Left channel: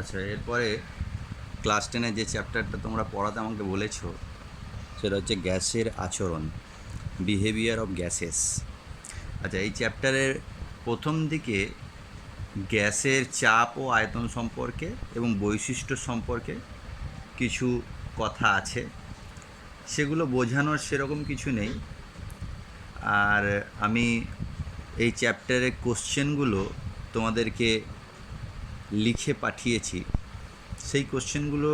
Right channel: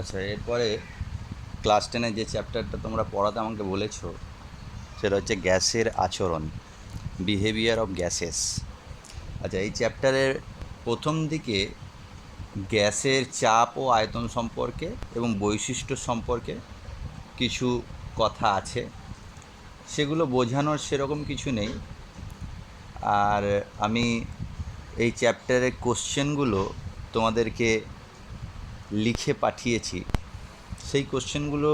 আচ্ছা, এরপরে ক্লাস 10-এ যে চ্যাপ্টারটা তোমরা পড়াতে আমাকে বলেছো সেটা হচ্ছে গ্যাসের আচরণ, বিহেভিয়ার অফ গ্যাসেস। আচ্ছা, এই চ্যাপ্টারের প্রথম দিকে গ্যাসের চাপ ও আয়তন সম্পর্কে এবং বৈশিষ্ট্য সম্পর্কে কিছু কথা আছে, সেগুলো বোঝানোর সেরকম কিছু নেই। আর আমি এই চ্যাপ্টারের কোশ্চেনগুলো তোমাদেরকে লিখে পাঠিয়েছি, সেই কোশ্চেনগুলো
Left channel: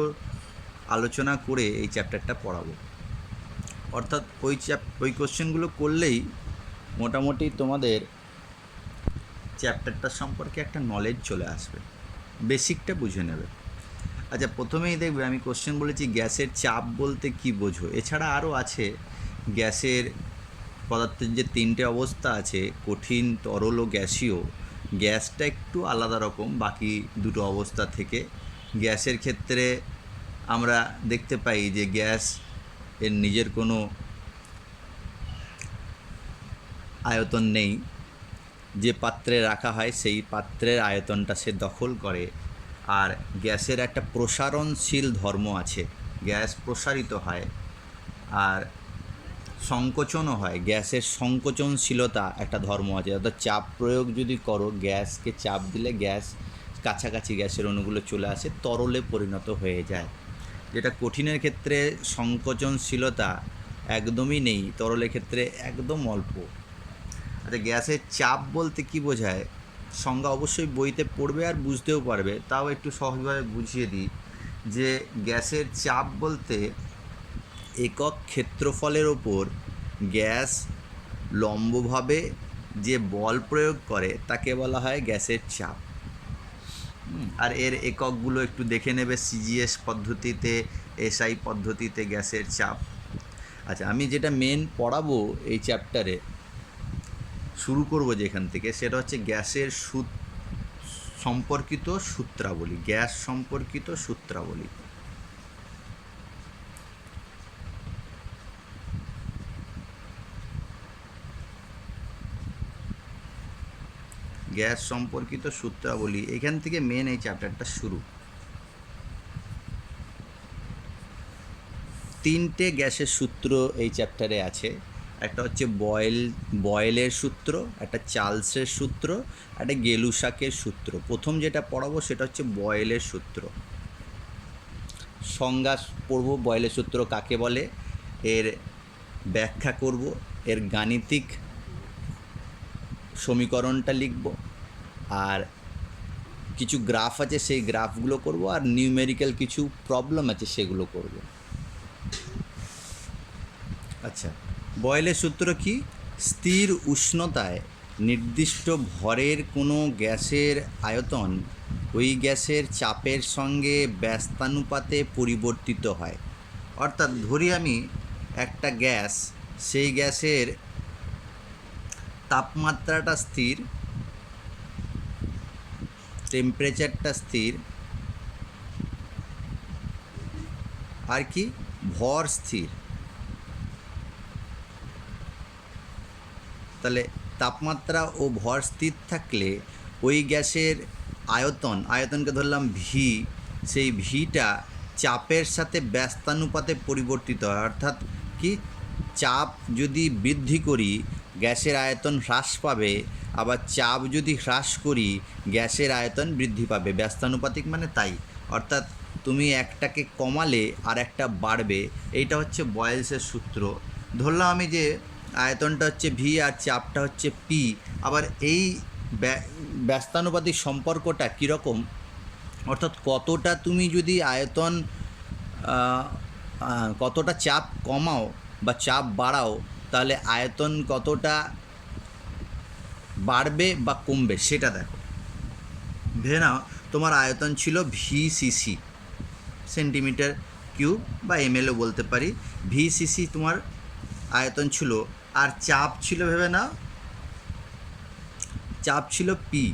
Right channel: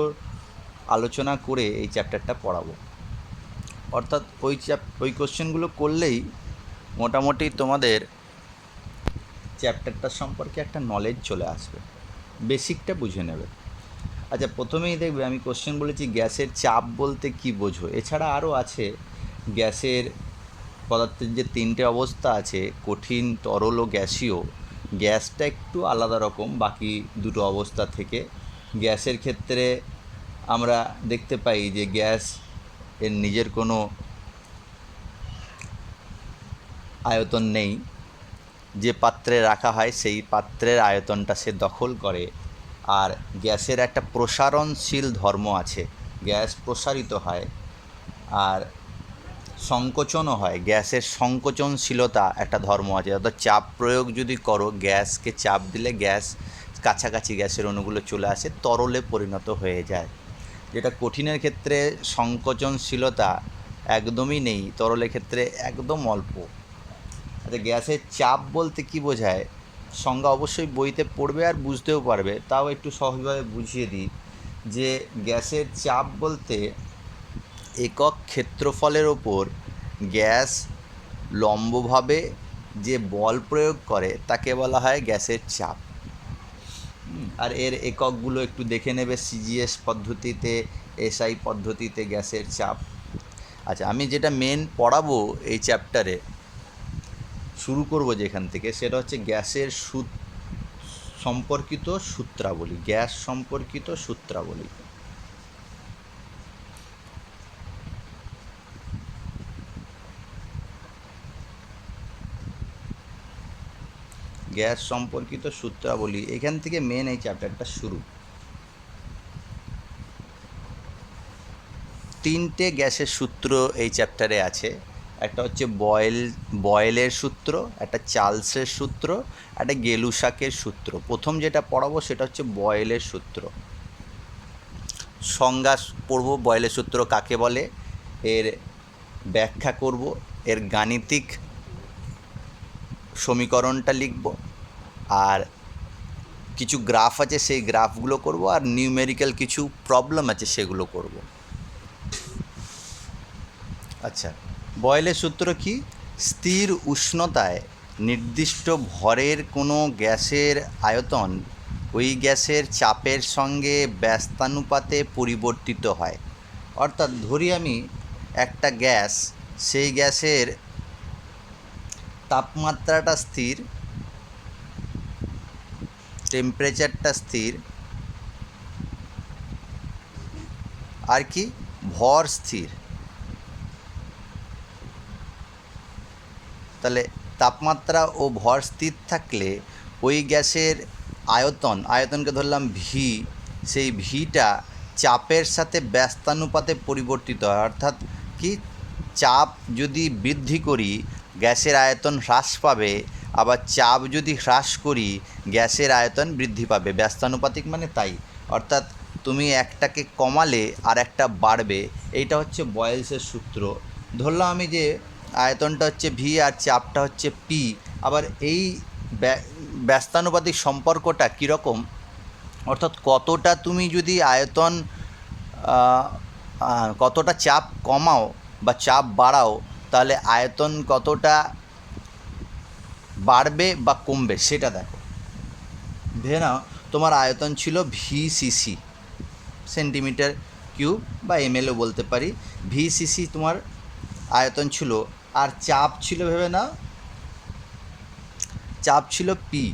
আলোচনা করে এই চ্যাপ্টারটা পড়াবো। অর্থাৎ ওই কোশ্চেনগুলো করলেই মোটামুটি তোমাদের চ্যাপ্টারটা সম্পর্কে একটা নলেজ চলে আসবে, বেসিকটা বুঝে নেবে। আচ্ছা, প্রথমেই দেখবে আমি কোশ্চেন বলেছি গ্যাসের চাপ বলতে কি বোঝো। এছাড়া আরও আছে, গ্যাসের পদার্থের যে 3টে অবস্থা আছে, কঠিন, তরল ও গ্যাসীয়। গ্যাসটা একটু আলাদা রকম বাকি দুটো অবস্থা থেকে। গ্যাসের ক্ষেত্রে আমরা দেখতে পাই যে গ্যাস এর নিজের কোনো আয়তন নেই, যে পাত্রে রাখা হয় সেই পাত্রের আয়তনটা সে দখল করে। আর গ্যাসের একটা প্রসারণশীল ধর্ম আছে, গ্যাস প্রসারিত হয় আর সংকোচনও হয়। গ্যাসের সংকোচনশীলতা একটা ধর্ম আছে, অর্থাৎ চাপ প্রয়োগ যদি করো, গ্যাসকে চাপ দিলে গ্যাস কাছাকাছি গ্যাসের অণুগুলো চলে আসে, তরলে পরিণত হয়ে যায়। যেটা কঠিনের ক্ষেত্রে সংকোচনশীলতা একদমই নেই, তরলের ক্ষেত্রে একদম অল্প। আচ্ছা, গ্যাসের চাপ বলতে কি বোঝায়? সংজ্ঞা অবশ্যই বইতে পড়বে আর বুঝতেও পারবে, তাও একটু সহজভাবে বুঝিয়ে দিই যে গ্যাসের চাপ বলতে একক ক্ষেত্রফলের ওপর গ্যাস লম্বভাবে যে বল প্রয়োগ করে তাকে বলা হয় গ্যাসের চাপ। আর এর এককগুলো একটু দেখে নেবে, সিজিএস পদ্ধতিতে, এসআই পদ্ধতিতে গ্যাসের চাপ। আচ্ছা, আমি যেটা মেন পড়াবো এই চ্যাপ্টারে, শুরু করব যেখান থেকে, সেটা হচ্ছে গ্যাসের সম্পর্কিত সূত্রাবলী। গ্যাস সম্পর্কিত সূত্রাবলী। গ্যাস সম্পর্কিত সূত্রাবলী, এখান থেকে মেন এই চ্যাপ্টারটা শুরু। 3টে গ্যাসের সূত্র এই চ্যাপ্টারে আছে। একটা হচ্ছে বয়েলের সূত্র, একটা চার্লসের সূত্র, একটা গেলুসাকের সূত্র। প্রথম যেটা পড়াবো সেটা হচ্ছে বয়েলের সূত্র। সংজ্ঞা পড়ব, বয়েলের সূত্র কাকে বলে, এর ব্যাখ্যা করব, এর গাণিতিক সমীকরণটা লিখব, আর কিছু গ্রাফ আছে সেই গ্রাফগুলো করব, আর নিউমেরিক্যাল কিছু প্রবলেম আছে সেগুলো করব। আচ্ছা, বয়েলের সূত্র কি? স্থির উষ্ণতায় নির্দিষ্ট ভরের কোনো গ্যাসের আয়তন ওই গ্যাসের চাপের সঙ্গে ব্যস্তানুপাতে পরিবর্তিত হয়। অর্থাৎ ধরি আমি একটা গ্যাস, সেই গ্যাসের তাপমাত্রাটা স্থির, টেম্পারেচারটা স্থির, আর কি ভর স্থির। তাহলে তাপমাত্রা ও ভর স্থির থাকলে ওই গ্যাসের আয়তনকে ধরলাম ভি, সেই ভিটা চাপের সাথে ব্যস্তানুপাতে পরিবর্তিত হয়। অর্থাৎ কি, চাপ যদি বৃদ্ধি করি গ্যাসের আয়তন হ্রাস পাবে, আবার চাপ যদি হ্রাস করি গ্যাসের আয়তন বৃদ্ধি পাবে। ব্যস্তানুপাতিক মানে তাই। অর্থাৎ তুমি একটাকে কমালে আর একটা বাড়বে। এইটা হচ্ছে বয়েলসের সূত্র। ধরলাম আমি যে আয়তনটা হচ্ছে ভি আর চাপটা হচ্ছে পি। আবার এই ব্যস্তানুপাতিক সম্পর্কটা কীরকম, অর্থাৎ কতটা তুমি যদি কতটা চাপ কমাও বা চাপ বাড়াও, তাহলে আয়তন কতটা বাড়বে বা কমবে সেটা দেখো। ধরে নাও তোমার আয়তন ছিল ভিসিসি, সেন্টিমিটার কিউব বা এমএলও বলতে পারি। ভিসিসি তোমার আয়তন ছিল, আর চাপ ছিল, ভেবে নাও চাপ ছিল পি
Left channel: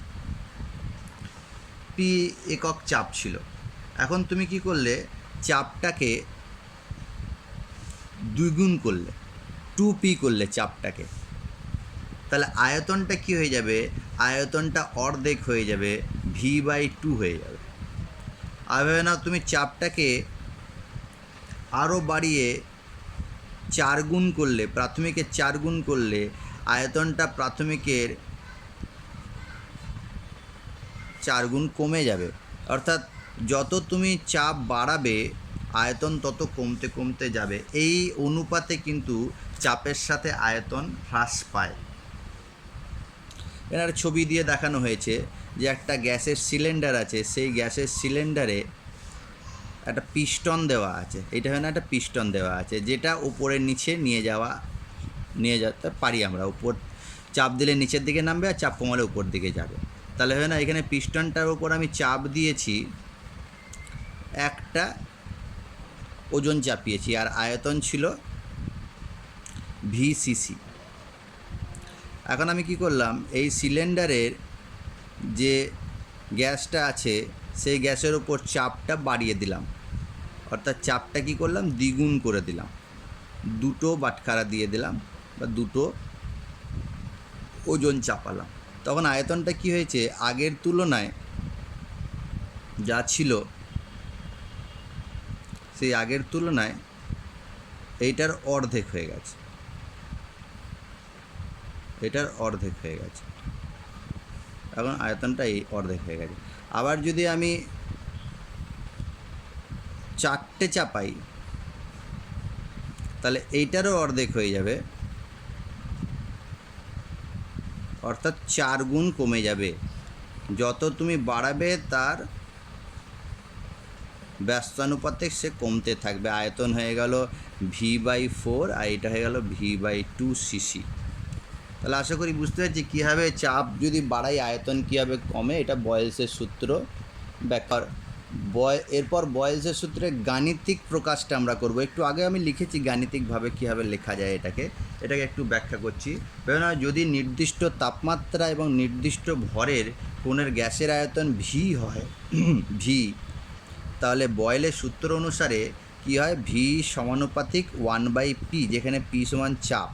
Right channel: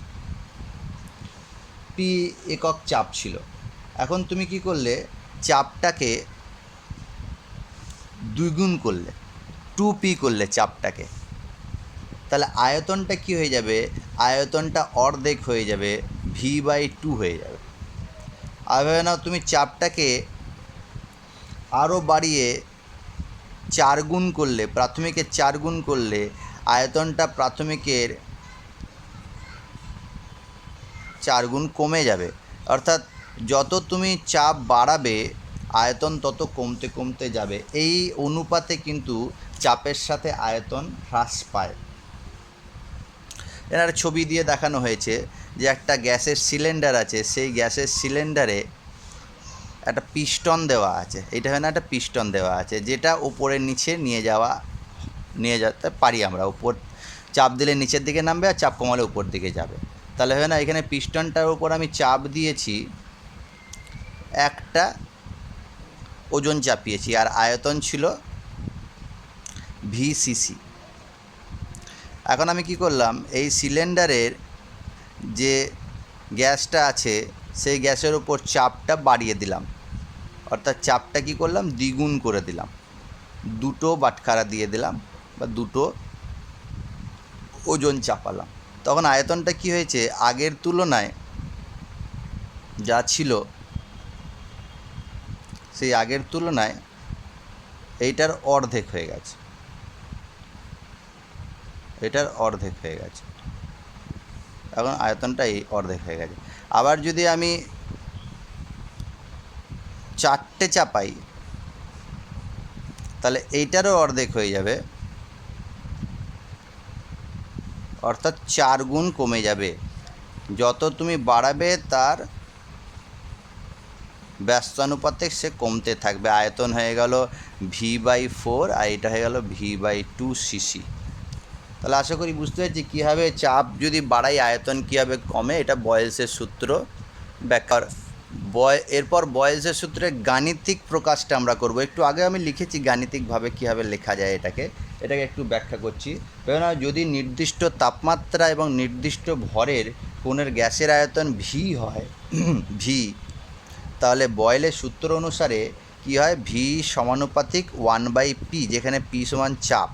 একক চাপ ছিল। এখন তুমি কি করলে, চাপটাকে দ্বিগুণ করলে, 2p করলে চাপটাকে, তাহলে আয়তনটা কি হয়ে যাবে? আয়তনটা অর্ধেক হয়ে যাবে, v/2 হয়ে যাবে। আর ভেবে নাও তুমি চাপটাকে আরও বাড়িয়ে 4 গুণ করলে, প্রাথমিকের 4 গুণ করলে আয়তনটা প্রাথমিকের 4 গুণ কমে যাবে। অর্থাৎ যত তুমি চাপ বাড়াবে আয়তন তত কমতে কমতে যাবে। এই অনুপাতে কিন্তু চাপের সাথে আয়তন হ্রাস পায়। এর ছবি দিয়ে দেখানো হয়েছে যে একটা গ্যাসের সিলিন্ডার আছে, সেই গ্যাসের সিলিন্ডারে একটা পিস্টন দেওয়া আছে। এটা হয় না, একটা পিস্টন দেওয়া আছে যেটা উপরে নিচে নিয়ে যেতে পারি আমরা। উপর চাপ দিলে নিচের দিকে নামবে আর চাপ কমালে উপর দিকে যাবে। তাহলে হয় না, এখানে পিস্টনটার উপর আমি চাপ দিয়েছি, একটা ওজন চাপিয়েছি, আর আয়তন ছিল VCC। এখন আমি কি করলাম, এই সিলিন্ডারের যে গ্যাসটা আছে সেই গ্যাসের উপর চাপটা বাড়িয়ে দিলাম, অর্থাৎ চাপটা কি করলাম, দ্বিগুণ করে দিলাম। 2টো বাটখারা দিয়ে দিলাম বা 2টো ওজন চাপালাম। তখন আয়তনটা কি হয়েছে, আগের তুলনায় যা ছিল সেই আগের তুলনায় এইটার অর্ধেক হয়ে গেছে, এটার অর্ধেক হয়ে গেছে। এখন আয়তনটা এই অর্ধেক হয়ে গেছে। আবার যদি আমি 4টে চাপাই তাহলে এইটারও অর্ধেক হয়ে যাবে, অর্থাৎ 4 গুণ কমে যাবে। যত তুমি বাড়াবে তার ব্যস্তানুপাতে সে কমতে থাকবে। আয়তন হয়ে গেল V/4 আর এটা হয়ে গেল V/2cc। তাহলে আশা করি বুঝতে পারছি কীভাবে চাপ যদি বাড়াই আয়তন কীভাবে কমে। এটা বয়েলসের সূত্র ব্যাখ্যা। এরপর বয়েলসের সূত্রের গাণিতিক প্রকাশটা আমরা করব। একটু আগে আমি লিখেছি গাণিতিকভাবে কীভাবে লেখা যায় এটাকে একটু ব্যাখ্যা করছি। কেননা যদি নির্দিষ্ট তাপমাত্রা এবং নির্দিষ্ট ভরের কোনের গ্যাসের আয়তন V হয়, তাহলে বয়েলের সূত্র অনুসারে কি হয়, V সমানুপাতিক 1/P, যেখানে P সমান চাপ।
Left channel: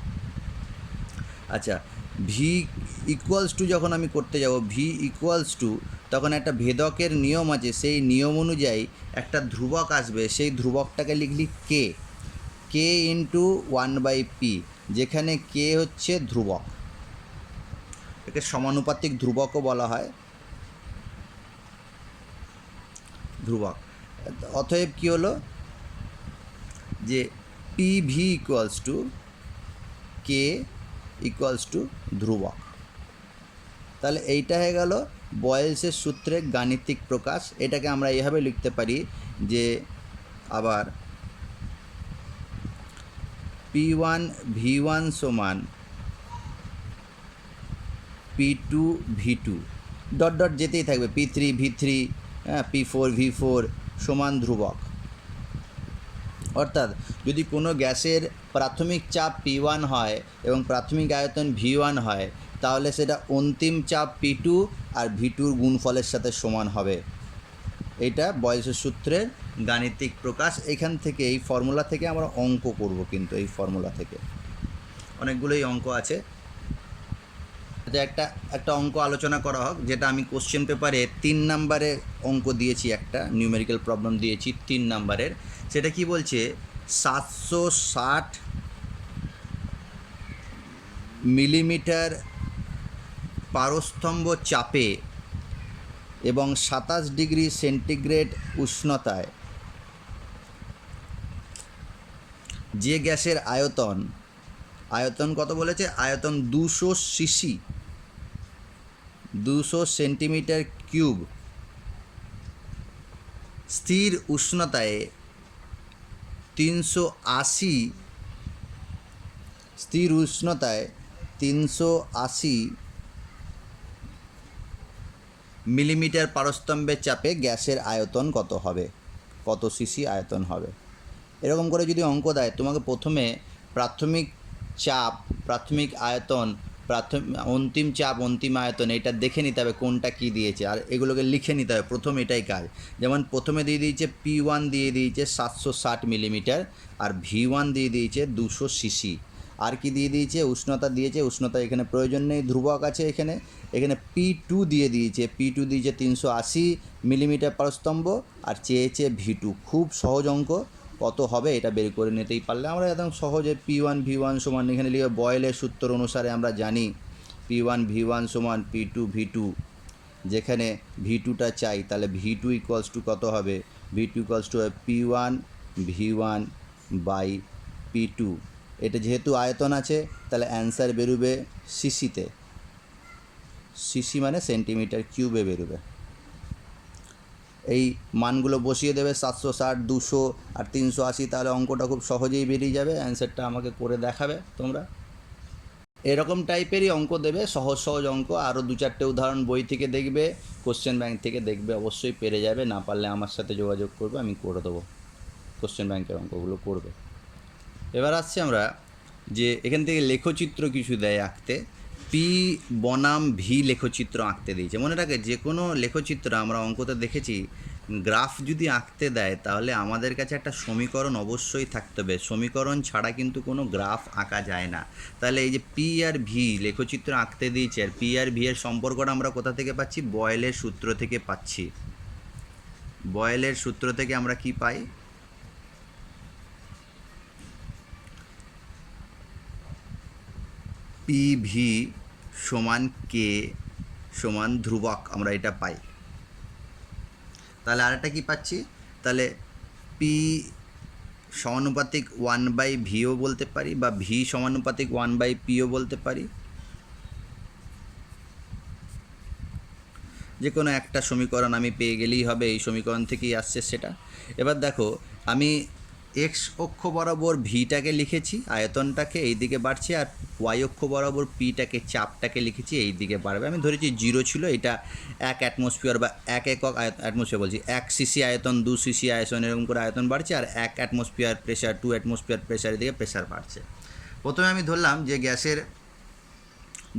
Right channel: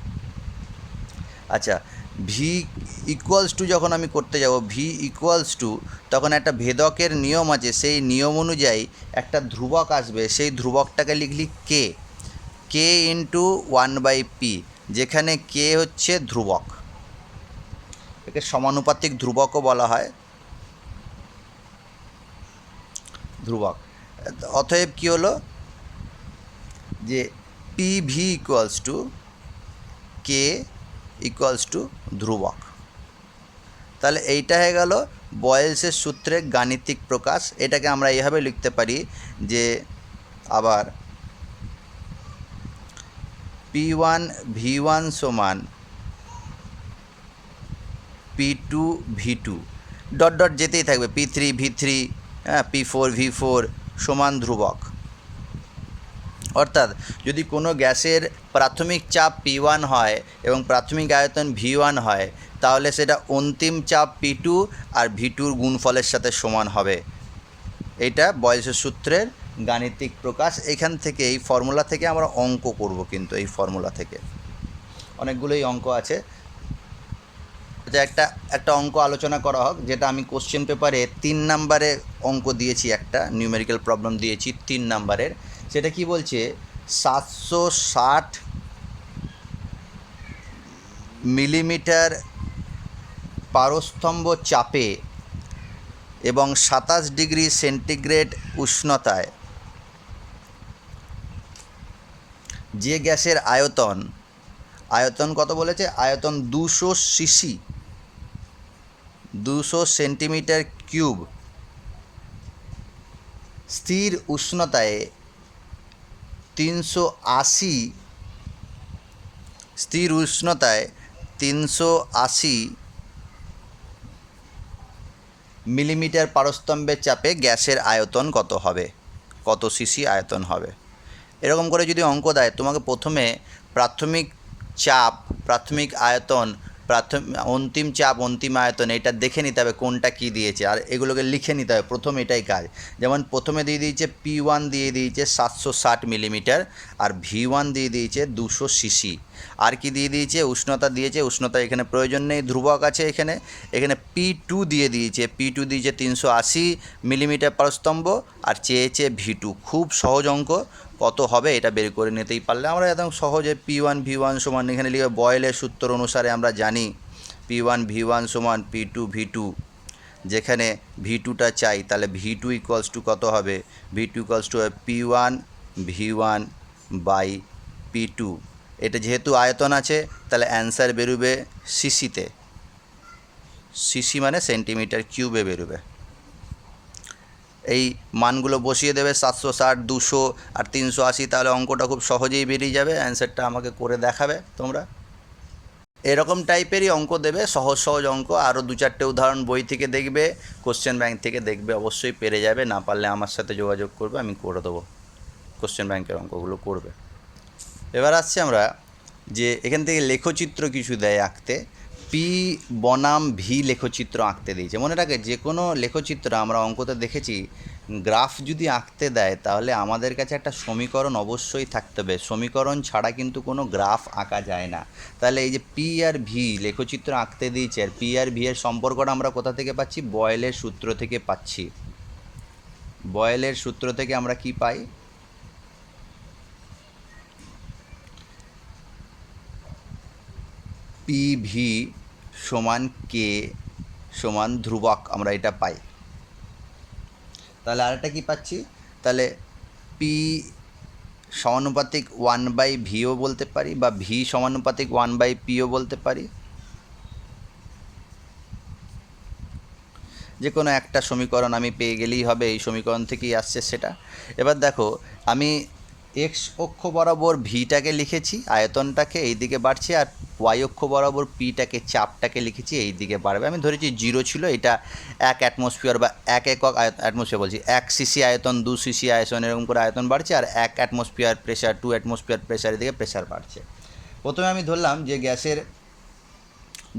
আচ্ছা, V ইকুয়ালস টু যখন আমি করতে যাব, V ইকুয়ালস টু, তখন একটা ভেদকের নিয়ম আছে, সেই নিয়ম অনুযায়ী একটা ধ্রুবক আসবে। সেই ধ্রুবকটাকে লিখলি K ইন্টু 1/P, যেখানে K হচ্ছে ধ্রুবক। একে সমানুপাতিক ধ্রুবকও বলা হয়, ধ্রুবক। অতএব কী হলো যে PV equals to K equals to ধ্রুবক। তাহলে এইটা হয়ে গেল বয়েলসের সূত্রের গাণিতিক প্রকাশ। এটাকে আমরা এইভাবে লিখতে পারি যে আবার P1 V1 সমান P2 V2 ডট ডট যেতেই থাকবে, P3 V3, P4 V4 সমান ধ্রুবক। অর্থাৎ যদি কোনো গ্যাসের প্রাথমিক চাপ P1 হয় এবং প্রাথমিক আয়তন V1 হয়, তাহলে সেটা অন্তিম চাপ P2 আর V2-র গুণফলের সাথে সমান হবে। এটা বয়েলসের সূত্রের গাণিতিক প্রকাশ। এখান থেকে এই ফর্মুলা থেকে আমরা অঙ্ক করব, কিন্তু এই ফর্মুলা থেকে অনেকগুলোই অঙ্ক আছে। যে একটা অঙ্ক আলোচনা করা হোক, যেটা আমি কোশ্চেন পেপারে 3 নম্বরে অঙ্ক দিয়েছি, একটা নিউমেরিক্যাল প্রবলেম দিয়েছি 3 নম্বরের। সেটা কি বলছে, 760 মিলিমিটার পারস্তম্ভ চাপে এবং 27 ডিগ্রি সেন্টিগ্রেড উষ্ণতায় যে গ্যাসের আয়তন কত বলেছে, আয়তন 200 সিসি, 200 সেন্টিমিটার কিউব, স্থির উষ্ণতায় 380 মিলিমিটার পারস্তম্ভের চাপে গ্যাসের আয়তন কত হবে, কত সিসি আয়তন হবে। এরকম করে যদি অঙ্ক দেয়, তোমাকে প্রথমে প্রাথমিক চাপ, প্রাথমিক আয়তন, অন্তিম চাপ, অন্তিম আয়তন, এটা দেখে নিতে হবে কোনটা কী দিয়েছে, আর এগুলোকে লিখে নিতে হবে। প্রথম এটাই কাজ। যেমন প্রথমে দিয়ে দিয়েছে P1 দিয়ে দিয়েছে 760 মিলিমিটার, আর V1 দিয়ে দিয়েছে 200 সিসি। আর কি দিয়ে দিয়েছে, উষ্ণতা দিয়েছে, উষ্ণতা এখানে প্রয়োজন নেই, ধ্রুবক আছে এখানে। এখানে P2 দিয়ে দিয়েছে, P2 দিয়েছে 380 মিলিমিটার পার স্তম্ভ, আর চেয়েছে V2। খুব সহজ অঙ্ক, কত হবে এটা বের করে নিতেই পারলে আমরা একদম সহজে P1 V1 সমান এখানে লিখে বয়েলের সূত্র অনুসারে আমরা জানি P1 V1 সমান P2 V2। যেখানে V2টা চাই তাহলে V2 ইকুয়ালস টু কত হবে, V2 equals to P1 V1 by P2। এটা যেহেতু আয়তন আছে তাহলে অ্যান্সার বেরোবে সিসিতে, সিসি মানে সেন্টিমিটার কিউবে বেরোবে। এই মানগুলো বসিয়ে দেবে 760, 200 আর 380, তাহলে অঙ্কটা খুব সহজেই বেরিয়ে যাবে। অ্যান্সারটা আমাকে করে দেখাবে তোমরা। এরকম টাইপেরই অঙ্ক দেবে, সহজ সহজ অঙ্ক। আরও 2-4টে উদাহরণ বই থেকে দেখবে, কোশ্চেন ব্যাংক থেকে দেখবে, অবশ্যই পেরে যাবে। না পারলে আমার সাথে যোগাযোগ করবে, আমি করে দেবো। কোশ্চেন ব্যাংকের অঙ্কগুলো করবে। এবার আসছে আমরা যে এখান থেকে লেখচিত্র কিছু দেয় আঁকতে, পি বনাম ভি লেখচিত্র আঁকতে দিয়েছে। মনে রাখে যে কোনো লেখচিত্র আমরা অঙ্কতে দেখেছি, গ্রাফ যদি আঁকতে দেয় তাহলে আমাদের কাছে একটা সমীকরণ অবশ্যই থাকতে হবে। সমীকরণ ছাড়া কিন্তু কোনো গ্রাফ আঁকা যায় না। তাহলে এই যে পি আর ভি লেখচিত্র আঁকতে দিয়েছে, আর পি আর ভি এর সম্পর্কটা আমরা কোথা থেকে পাচ্ছি, বয়েলের সূত্র থেকে পাচ্ছি। বয়েলের সূত্র থেকে আমরা কি পাই, পি ভি সমান কে সমান ধ্রুবক, আমরা এটা পাই। তাহলে আরেকটা কি পাচ্ছি, তাহলে পি সমানুপাতিক 1/ভিও বলতে পারি, বা ভি সমানুপাতিক 1/পিও বলতে পারি। যে কোনো একটা সমীকরণ আমি পেয়ে গেলেই হবে, এই সমীকরণ থেকেই আসছে সেটা। এবার দেখো, আমি এক্স অক্ষ বরাবর ভিটাকে লিখেছি, আয়তনটাকে এই দিকে বাড়ছে, আর ওয়াই অক্ষ বরাবর পিটাকে, চাপটাকে লিখেছি এই দিকে বাড়বে। আমি ধরেছি 0 ছিল, এটা 1 অ্যাটমসফিয়ার বা 1 একক অ্যাটমসফিয়ার বলছি, 1 সিসি আয়তন, 2 সিসি আয়তন, এরকম করে আয়তন বাড়ছে, আর 1 অ্যাটমসফিয়ার প্রেশার, 2 অ্যাটমসফিয়ার প্রেশারের দিকে প্রেশার বাড়ছে। প্রথমে আমি ধরলাম যে গ্যাসের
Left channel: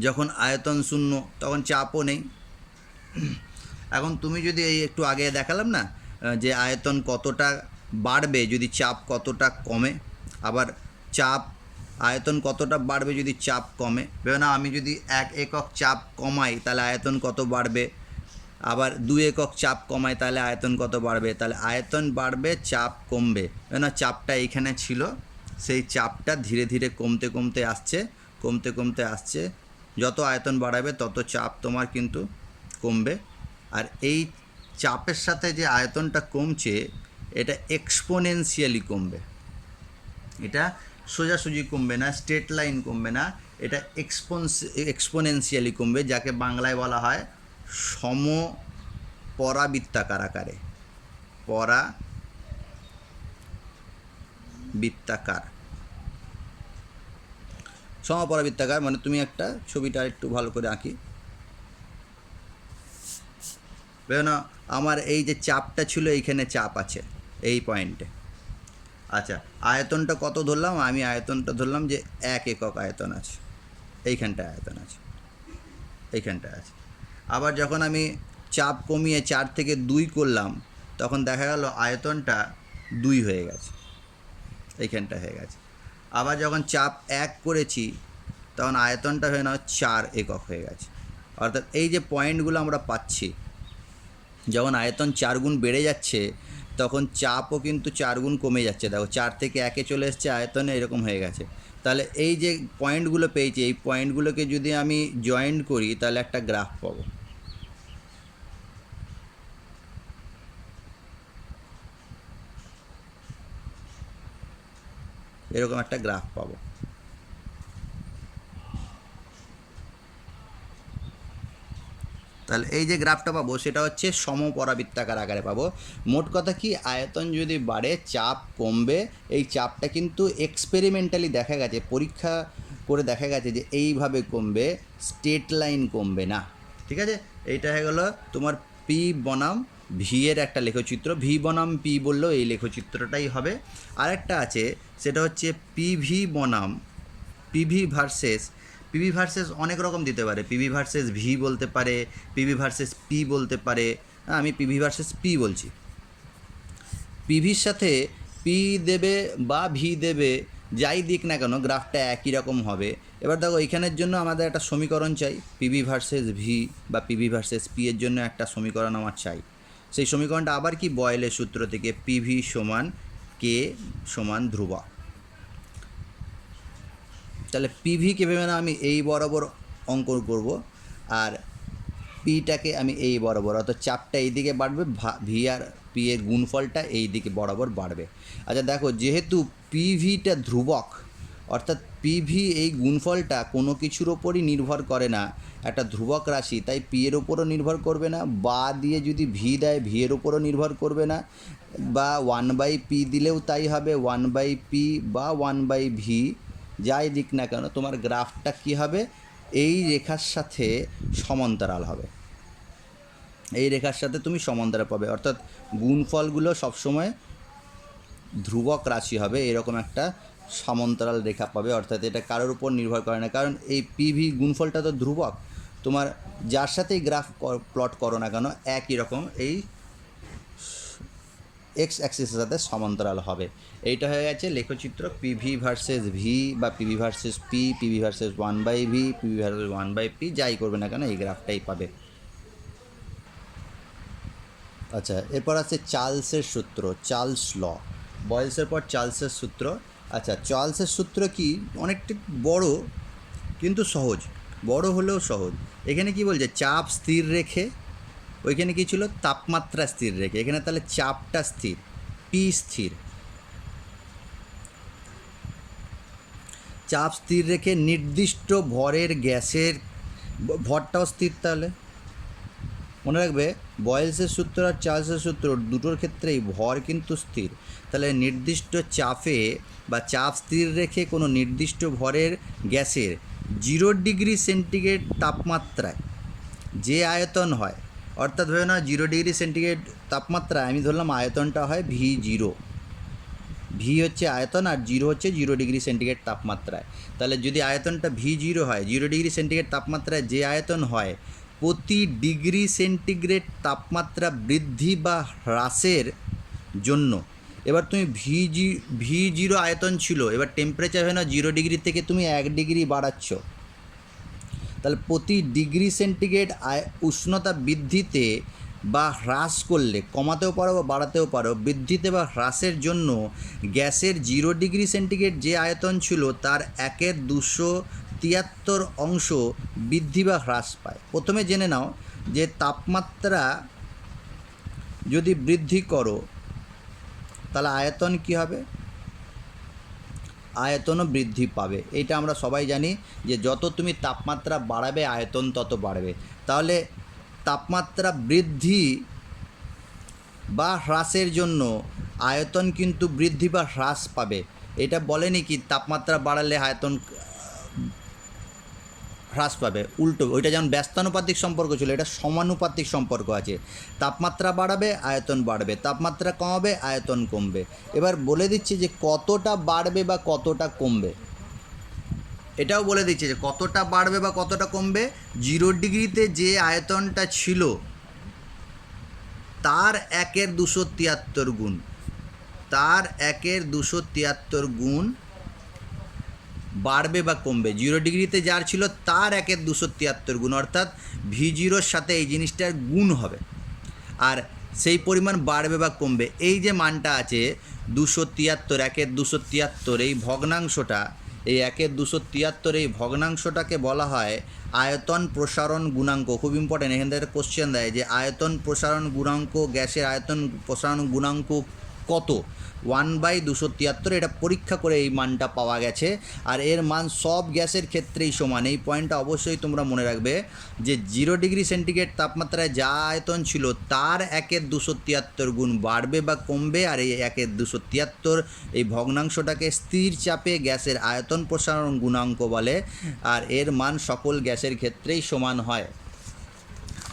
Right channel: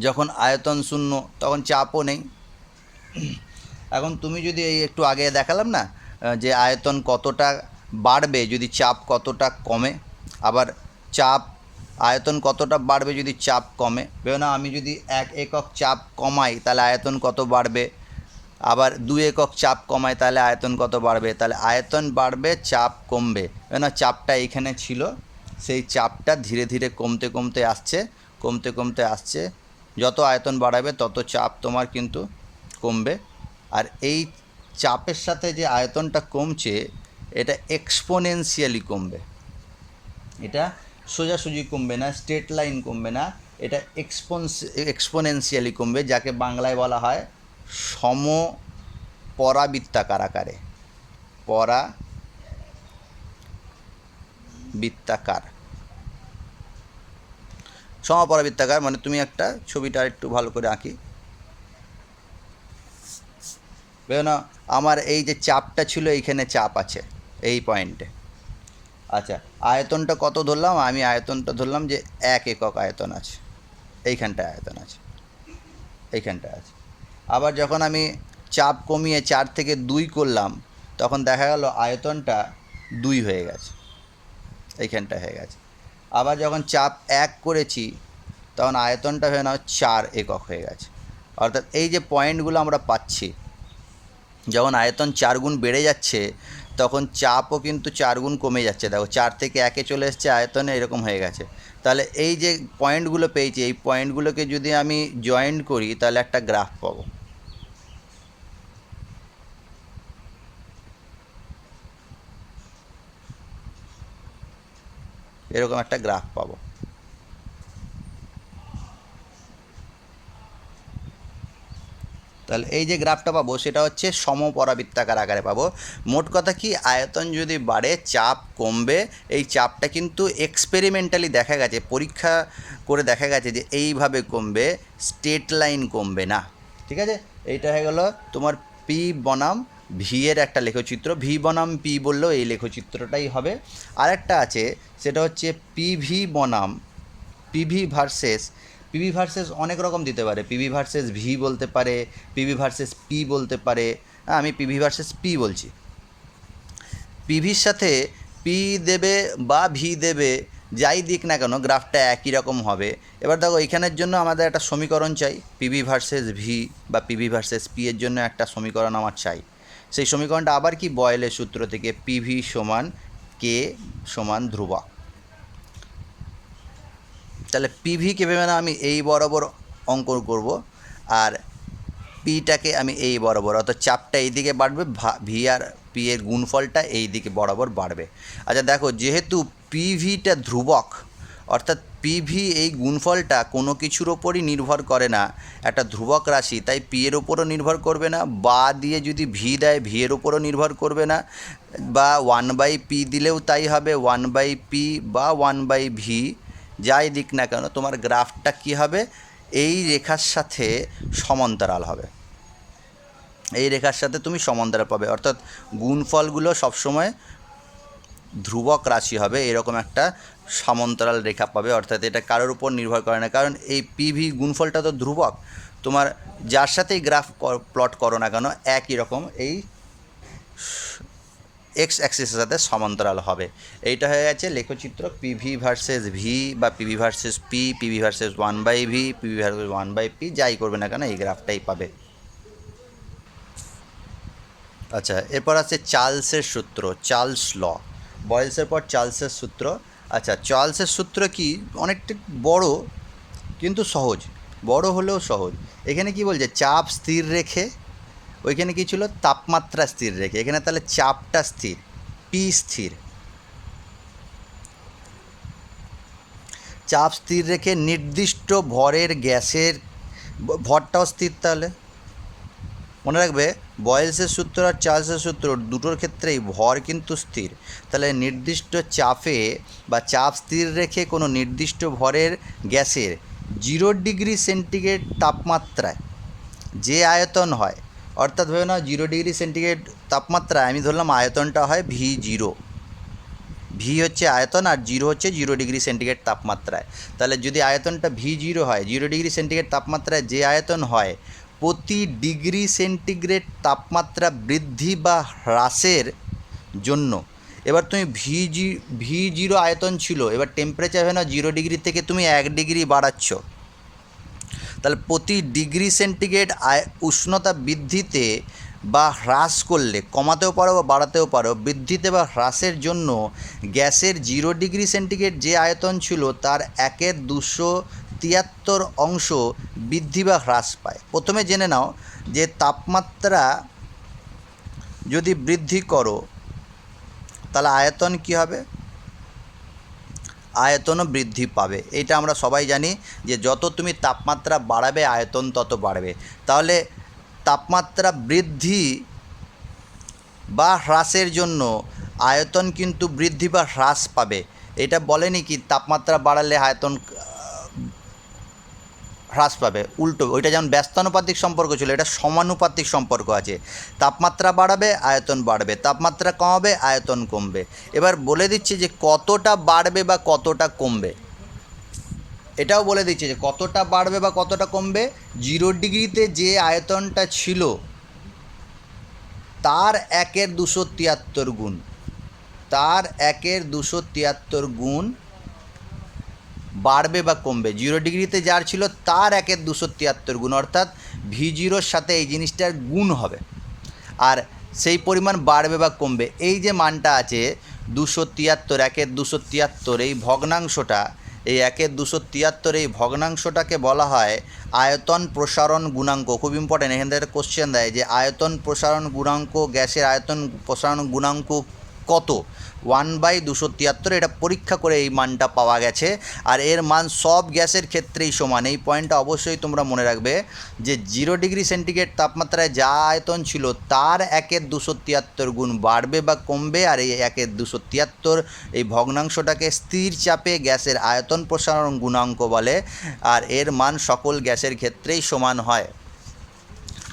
যখন আয়তন 0 তখন চাপও নেই। এখন তুমি যদি এই একটু আগে দেখালাম না যে আয়তন কতটা বাড়বে যদি চাপ কতটা কমে, আবার চাপ আয়তন কতটা বাড়বে যদি চাপ কমে। ভেবে না, আমি যদি 1 একক চাপ কমাই তাহলে আয়তন কত বাড়বে, আবার 2 একক চাপ কমাই তাহলে আয়তন কত বাড়বে। তাহলে আয়তন বাড়বে, চাপ কমবে। না, চাপটা এইখানে ছিল, সেই চাপটা ধীরে ধীরে কমতে কমতে আসছে, কমতে কমতে আসছে। যত আয়তন বাড়াবে তত চাপ তোমার কিন্তু কমবে। আর এই চাপের সাথে যে আয়তনটা কমছে এটা এক্সপোনেনশিয়ালি কমবে। এটা সোজাসুজি কমবে না, স্ট্রেট লাইন কমবে না, এটা এক্সপোনেনশিয়ালি কমবে, যাকে বাংলায় বলা হয় সমপরাবৃত্তাকার আকারে। পরাবৃত্তাকার, সমপরাবৃত্তাকার মানে তুমি একটা ছবিটা একটু ভালো করে আঁকি। না, আমার এই যে চাপটা ছিল এইখানে চাপ আছে এই পয়েন্টে। আচ্ছা, আয়তনটা কত ধরলাম, আমি আয়তনটা ধরলাম যে 1 একক আয়তন আছে, এইখানটায় আয়তন আছে, এইখানটায় আছে। আবার যখন আমি চাপ কমিয়ে 4 থেকে 2 করলাম তখন দেখা গেল আয়তনটা 2 হয়ে গেছে, এইখানটা হয়ে গেছে। আবার যখন চাপ 1 করেছি তখন আয়তনটা হয়ে না 4 একক হয়ে গেছে। অর্থাৎ এই যে পয়েন্টগুলো আমরা পাচ্ছি, যখন আয়তন 4 গুণ বেড়ে যাচ্ছে তখন চাপও কিন্তু 4 গুণ কমে যাচ্ছে। দেখো 4 থেকে 1-এ চলে এসছে আয়তনে, এরকম হয়ে গেছে। তাহলে এই যে পয়েন্টগুলো পেয়েছি, এই পয়েন্টগুলোকে যদি আমি জয়েন্ট করি তাহলে একটা গ্রাফ পাবো। এরকম একটা গ্রাফ পাবো। তাহলে এই যে গ্রাফটা পাবো সেটা হচ্ছে সমপরাবৃত্তাকার আকারে পাবো। মোট কথা কি, আয়তন যদি বাড়ে চাপ কমবে। এই চাপটা কিন্তু এক্সপেরিমেন্টালি দেখা গেছে, পরীক্ষা করে দেখা গেছে যে এইভাবে কমবে, স্ট্রেট লাইন কমবে না। ঠিক আছে, এইটা হয়ে গেল তোমার পি বনাম ভি এর একটা লেখচিত্র। ভি বনাম পি বললেও এই লেখচিত্রটাই হবে। আরেকটা আছে, সেটা হচ্ছে পিভি বনাম পিভি ভার্সেস অনেক রকম দিতে পারে। পিভি ভার্সেস ভি বলতে পারে, পিভি ভার্সেস পি বলতে পারে। আমি পিভি ভার্সেস পি বলছি। পিভির সাথে পি দেবে বা ভি দেবে, যাই দিক না কেন গ্রাফটা একই রকম হবে। এবার দেখো এখানের জন্য আমাদের একটা সমীকরণ চাই, পিভি ভার্সেস ভি বা পিভি ভার্সেস পি এর জন্য একটা সমীকরণ আমার চাই। সেই সমীকরণটা আবার কি, বয়েলের সূত্র থেকে, পিভি সমান কে সমান ধ্রুবক। তাহলে পিভিকে ভেবে না আমি এই বরাবর অঙ্কন করব, আর পিটাকে আমি এই বরাবর, অর্থাৎ চাপটা এই দিকে বাড়বে, ভি আর পি এর গুণফলটা এই দিকে বরাবর বাড়বে। আচ্ছা দেখো, যেহেতু পিভিটা ধ্রুবক, অর্থাৎ পিভি এই গুণফলটা কোনো কিছুর ওপরই নির্ভর করে না, একটা ধ্রুবক রাশি, তাই পি এর ওপরও নির্ভর করবে না, বা দিয়ে যদি ভি দেয় ভি এর ওপরও নির্ভর করবে না, বা 1/p দিলেও তাই হবে, 1/p বা 1/ভি, যাই দিক না কেন তোমার গ্রাফটা কী হবে, এই রেখার সাথে সমান্তরাল হবে। এই রেখার সাথে তুমি সমান্তরাল পাবে, অর্থাৎ গুণফলগুলো সবসময় ধ্রুবক রাশি হবে, এরকম একটা সমান্তরাল রেখা পাবে। অর্থাৎ এটা কারোর উপর নির্ভর করে না, কারণ এই পিভি গুণফলটা তো ধ্রুবক, তোমার যার সাথেই গ্রাফ প্লট করো না কেন একই রকম এই এক্স অ্যাক্সিসের সাথে সমান্তরাল হবে। এইটা হয়ে গেছে লেখচিত্র পিভি ভার্সেস ভি বা PV versus P, PV versus 1/ভি, পিভি ভার্সেস 1/পি, যাই করবে না কেন এই গ্রাফটাই পাবে। আচ্ছা, এরপর আছে চার্লসের সূত্র, চার্লস ল। বয়েলসের পর চার্লসের সূত্র। আচ্ছা, চার্লসের সূত্র কি, অনেকটা বড় কিন্তু সহজ, বড় হলেও সহজ। এখানে কি বলছে, চাপ স্থির রেখে, ওইখানে কী ছিল, তাপমাত্রা স্থির রেখে, এখানে তাহলে চাপটা স্থির, পি স্থির, চাপ স্থির রেখে নির্দিষ্ট ভরের গ্যাসের ভরটাও স্থির। তাহলে মনে রাখবে, বয়েলসের সূত্র আর চার্লসের সূত্র দুটোর ক্ষেত্রেই ভর কিন্তু স্থির। তাহলে নির্দিষ্ট চাপে বা চাপ স্থির রেখে কোনো নির্দিষ্ট ভরের গ্যাসের 0 ডিগ্রি সেন্টিগ্রেড তাপমাত্রায় যে আয়তন হয়, অর্থাৎ ভেবে না 0 ডিগ্রি সেন্টিগ্রেড তাপমাত্রায় আমি ধরলাম আয়তনটা হয় V0, ভি হচ্ছে আয়তন আর 0 হচ্ছে 0 ডিগ্রি সেন্টিগ্রেড তাপমাত্রায়। তাহলে যদি আয়তনটা V0 হয়, 0 ডিগ্রি সেন্টিগ্রেড তাপমাত্রায় যে আয়তন হয়, প্রতি ডিগ্রি সেন্টিগ্রেড তাপমাত্রা বৃদ্ধি বা হ্রাসের জন্য, এবার তুমি V0 আয়তন ছিল, এবার টেম্পারেচার হয় না 0 ডিগ্রি থেকে তুমি 1 ডিগ্রি বাড়াচ্ছ, তাহলে প্রতি ডিগ্রি সেন্টিগ্রেড উষ্ণতা বৃদ্ধিতে বা হ্রাস করলে, কমাতেও পারো বা বাড়াতেও পারো, বৃদ্ধিতে বা হ্রাসের জন্য গ্যাসের 0 ডিগ্রি সেন্টিগ্রেড যে আয়তন ছিল তার 1/273 অংশ বৃদ্ধি বা হ্রাস পায়। প্রথমে জেনে নাও যে তাপমাত্রা যদি বৃদ্ধি করো তাহলে আয়তন কী হবে, আয়তনও বৃদ্ধি পাবে। এটা আমরা সবাই জানি যে যত তুমি তাপমাত্রা বাড়াবে আয়তন তত বাড়বে। তাহলে তাপমাত্রা বৃদ্ধি বা হ্রাসের জন্য আয়তন কিন্তু বৃদ্ধি বা হ্রাস পাবে। এটা বলেনি কি তাপমাত্রা বাড়ালে আয়তন হ্রাস পাবে, উল্টো, ওইটা যেমন ব্যস্তানুপাতিক সম্পর্ক ছিল, এটা সমানুপাতিক সম্পর্ক আছে। তাপমাত্রা বাড়াবে আয়তন বাড়বে, তাপমাত্রা কমাবে আয়তন কমবে। এবার বলে দিচ্ছি যে কতটা বাড়বে বা কতটা কমবে, এটাও বলে দিচ্ছে যে কতটা বাড়বে বা কতটা কমবে। 0 ডিগ্রিতে যে আয়তনটা ছিল তার 1/273 গুণ, তার 1/273 গুণ বাড়বে বা কমবে। 0 ডিগ্রিতে যার ছিল তার 1/273 গুণ, অর্থাৎ V0-র সাথে এই জিনিসটার গুণ হবে, আর সেই পরিমাণ বাড়বে বা কমবে। এই যে মানটা আছে 273, 1/273, এই ভগ্নাংশটা, এই 1/273 এই ভগ্নাংশটাকে বলা হয় আয়তন প্রসারণ গুণাঙ্ক। খুব ইম্পর্টেন্ট, এখান থেকে কোশ্চেন দেয় যে আয়তন প্রসারণ গুণাঙ্ক, গ্যাসের আয়তন প্রসারণ গুণাঙ্ক কত, 1/273, এটা পরীক্ষা করে এই মানটা পাওয়া গেছে। আর এর মান সব গ্যাসের ক্ষেত্রেই সমান। এই পয়েন্টটা অবশ্যই তোমরা মনে রাখবে যে 0 ডিগ্রি সেন্টিগ্রেড তাপমাত্রায় যা আয়তন ছিল তার 1/273 গুণ বাড়বে বা কমবে, আর এই 1/273 এই ভগ্নাংশটাকে স্থির চাপে গ্যাসের আয়তন প্রসারণ গুণাঙ্ক বলে, আর এর মান সকল গ্যাসের ক্ষেত্রেই সমান হয়।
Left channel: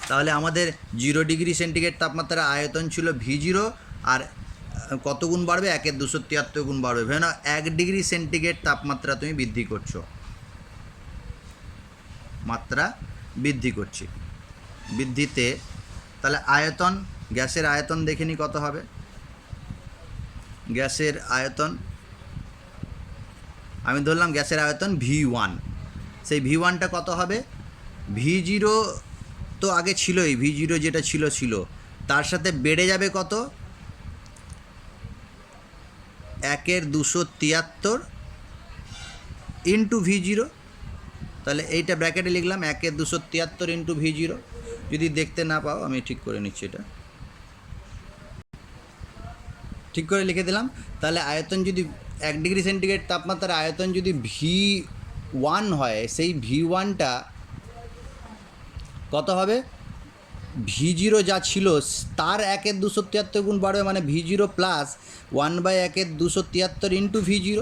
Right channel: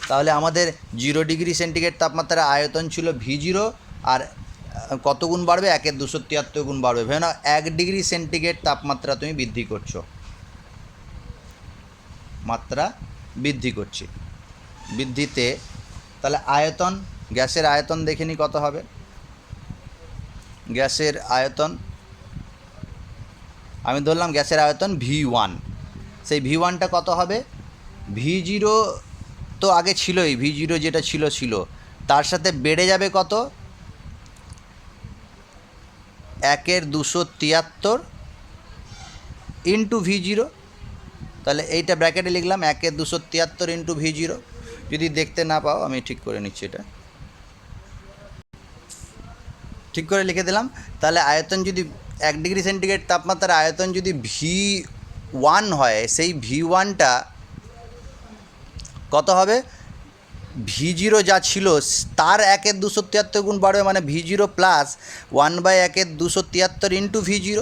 তাহলে আমাদের 0 ডিগ্রি সেন্টিগ্রেড তাপমাত্রায় আয়তন ছিল V0, আর কত গুণ বাড়বে, 1/273 গুণ বাড়বে। ভেবে না 1 ডিগ্রি সেন্টিগ্রেড তাপমাত্রা তুমি বৃদ্ধি করছো, মাত্রা বৃদ্ধি করছি, বৃদ্ধিতে তাহলে আয়তন, গ্যাসের আয়তন দেখে নি কত হবে। গ্যাসের আয়তন আমি ধরলাম গ্যাসের আয়তন V1, সেই V1টা কত হবে? V0 তো আগে ছিলই, V0 যেটা ছিল তার সাথে বেড়ে যাবে কত? 1/273 ইন্টু V0। তাহলে এইটা ব্র্যাকেটে লিখলাম 1/273 ইন্টু V0। যদি দেখতে না পাও আমি ঠিক করে নিচ্ছি, এটা ঠিক করে লিখে দিলাম। তাহলে আয়তন যদি 1 ডিগ্রি সেন্টিগ্রেড তাপমাত্রার আয়তন যদি V1 হয়, সেই V1টা কত হবে? V0 যা ছিল তার 1/273 গুণ বাড়বে, মানে V0 প্লাস 1/1/273 ইন্টু V0।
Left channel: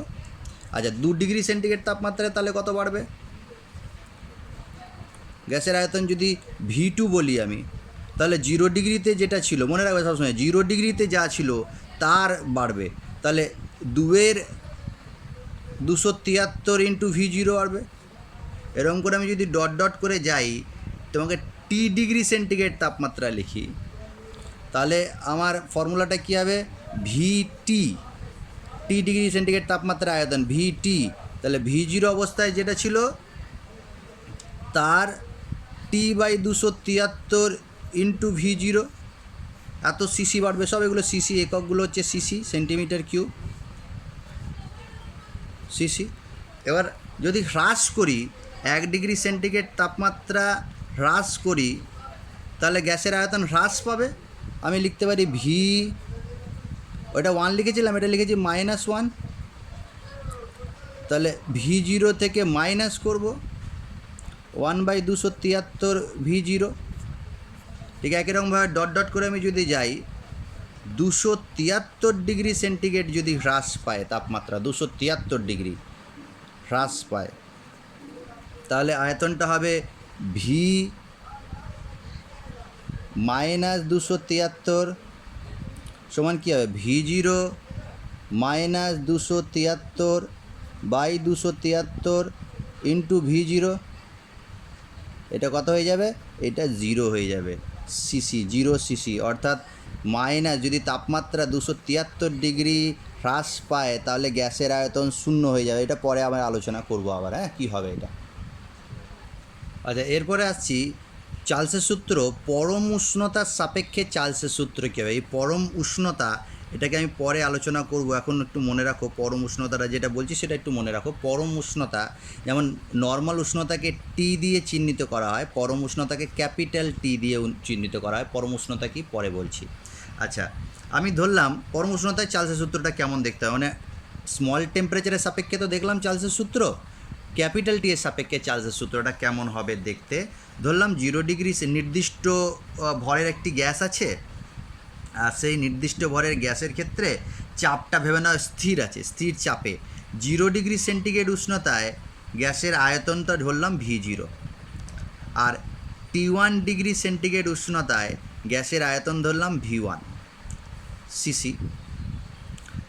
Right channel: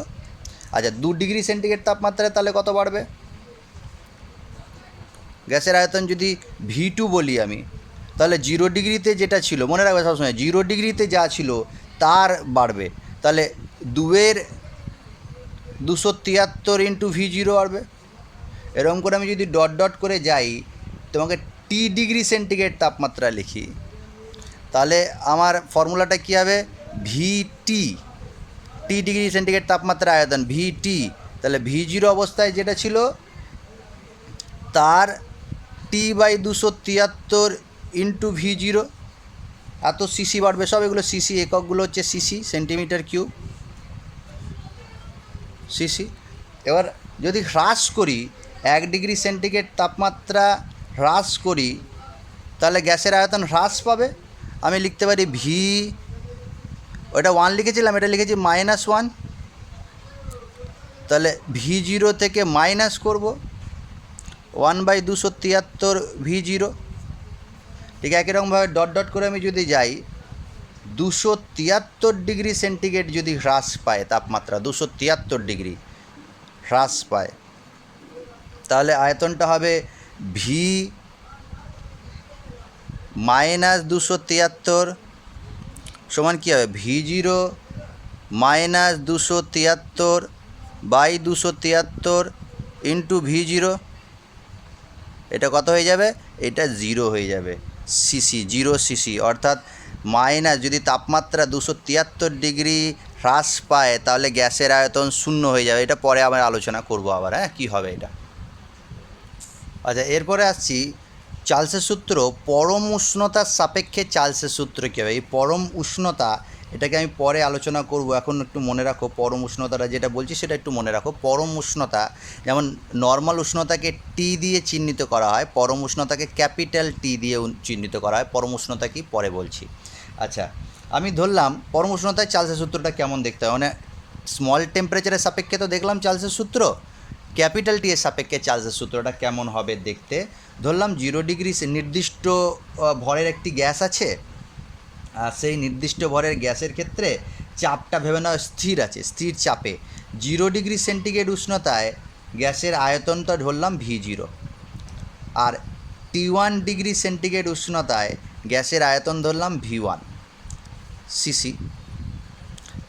আচ্ছা, 2 ডিগ্রি সেন্টিগ্রেড তাপমাত্রায় তাহলে কত বাড়বে? গ্যাসের আয়তন যদি V2 বলি আমি, তাহলে 0 ডিগ্রিতে যেটা ছিল, মনে রাখবে সবসময় 0 ডিগ্রিতে যা ছিল তার বাড়বে, তাহলে 2/273 ইন্টু V0 বাড়বে। এরকম করে আমি যদি ডট ডট করে যাই, তোমাকে টি ডিগ্রি সেন্টিগ্রেড তাপমাত্রা লিখি, তাহলে আমার ফর্মুলাটা কী হবে? VT, টি ডিগ্রি সেন্টিগ্রেড তাপমাত্রা আয়তন VT। তাহলে V0 অবস্থায় যেটা ছিল তার T/273 ইন্টু V0, এত সিসি বাড়বে। সব এগুলো সিসি, এককগুলো হচ্ছে সিসি, সেন্টিমিটার কিউব, সিসি। এবার যদি হ্রাস করি, 1 ডিগ্রি সেন্টিগ্রেড তাপমাত্রা হ্রাস করি, তাহলে গ্যাসের আয়তন হ্রাস পাবে। আমি লিখতে পারি ওটা 1 লিখেছিলাম, এটা লিখেছি -1। তাহলে V0 থেকে মাইনাস করব 1/273 V0। ঠিক একই রকমভাবে ডট ডট করে আমি যদি যাই, 273 ডিগ্রি সেন্টিগ্রেড যদি হ্রাস পায় তাপমাত্রা, 273 ডিগ্রি হ্রাস পায়, তাহলে আয়তনটা হবে V-273 সমান কী হবে? V0 -273/273 into V0। এটা কত হয়ে যাবে? এটা 0 হয়ে যাবে, সিসি, 0 সিসি। অর্থাৎ যদি তাপমাত্রা 273 ডিগ্রি হ্রাস পায়, তাহলে গ্যাসের আয়তন 0 হয়ে যাবে। এটা পরে আবার আলোচনা করব আবার, কী হবে এটা। আচ্ছা, এরপরে আসছি চার্লসের সূত্র। পরম উষ্ণতার সাপেক্ষে চার্লসের সূত্র কী হবে? এই পরম উষ্ণতা, এটাকে আমি পরে আলোচনা করব। এখন একটু মনে রাখো, পরম উষ্ণতাটা যেটা বলছি সেটা একটু মনে রাখো। পরম উষ্ণতা, যেমন নর্মাল উষ্ণতাকে টি দিয়ে চিহ্নিত করা হয়, পরম উষ্ণতাকে ক্যাপিটাল টি দিয়ে চিহ্নিত করা হয়। পরম উষ্ণতা কি পরে বলছি। আচ্ছা, আমি ধরলাম পরম উষ্ণতায় চার্লসের সূত্রটা কেমন দেখতে হয়, মানে স্মল টেম্পারেচারের সাপেক্ষে তো দেখলাম চার্লসের সূত্র, ক্যাপিটাল টি এর সাপেক্ষে চার্লসের সূত্রটা কেমন হবে দেখতে। ধরলাম 0 ডিগ্রি নির্দিষ্ট ভরের একটি গ্যাস আছে, আর সেই নির্দিষ্ট ভরের গ্যাসের ক্ষেত্রে চাপটা ভেবে নেওয়া স্থির আছে, স্থির চাপে 0 ডিগ্রি সেন্টিগ্রেড উষ্ণতায় গ্যাসের আয়তনটা ধরলাম V0, আর T1 ডিগ্রি সেন্টিগ্রেড উষ্ণতায় গ্যাসের আয়তন ধরলাম V1 সিসি,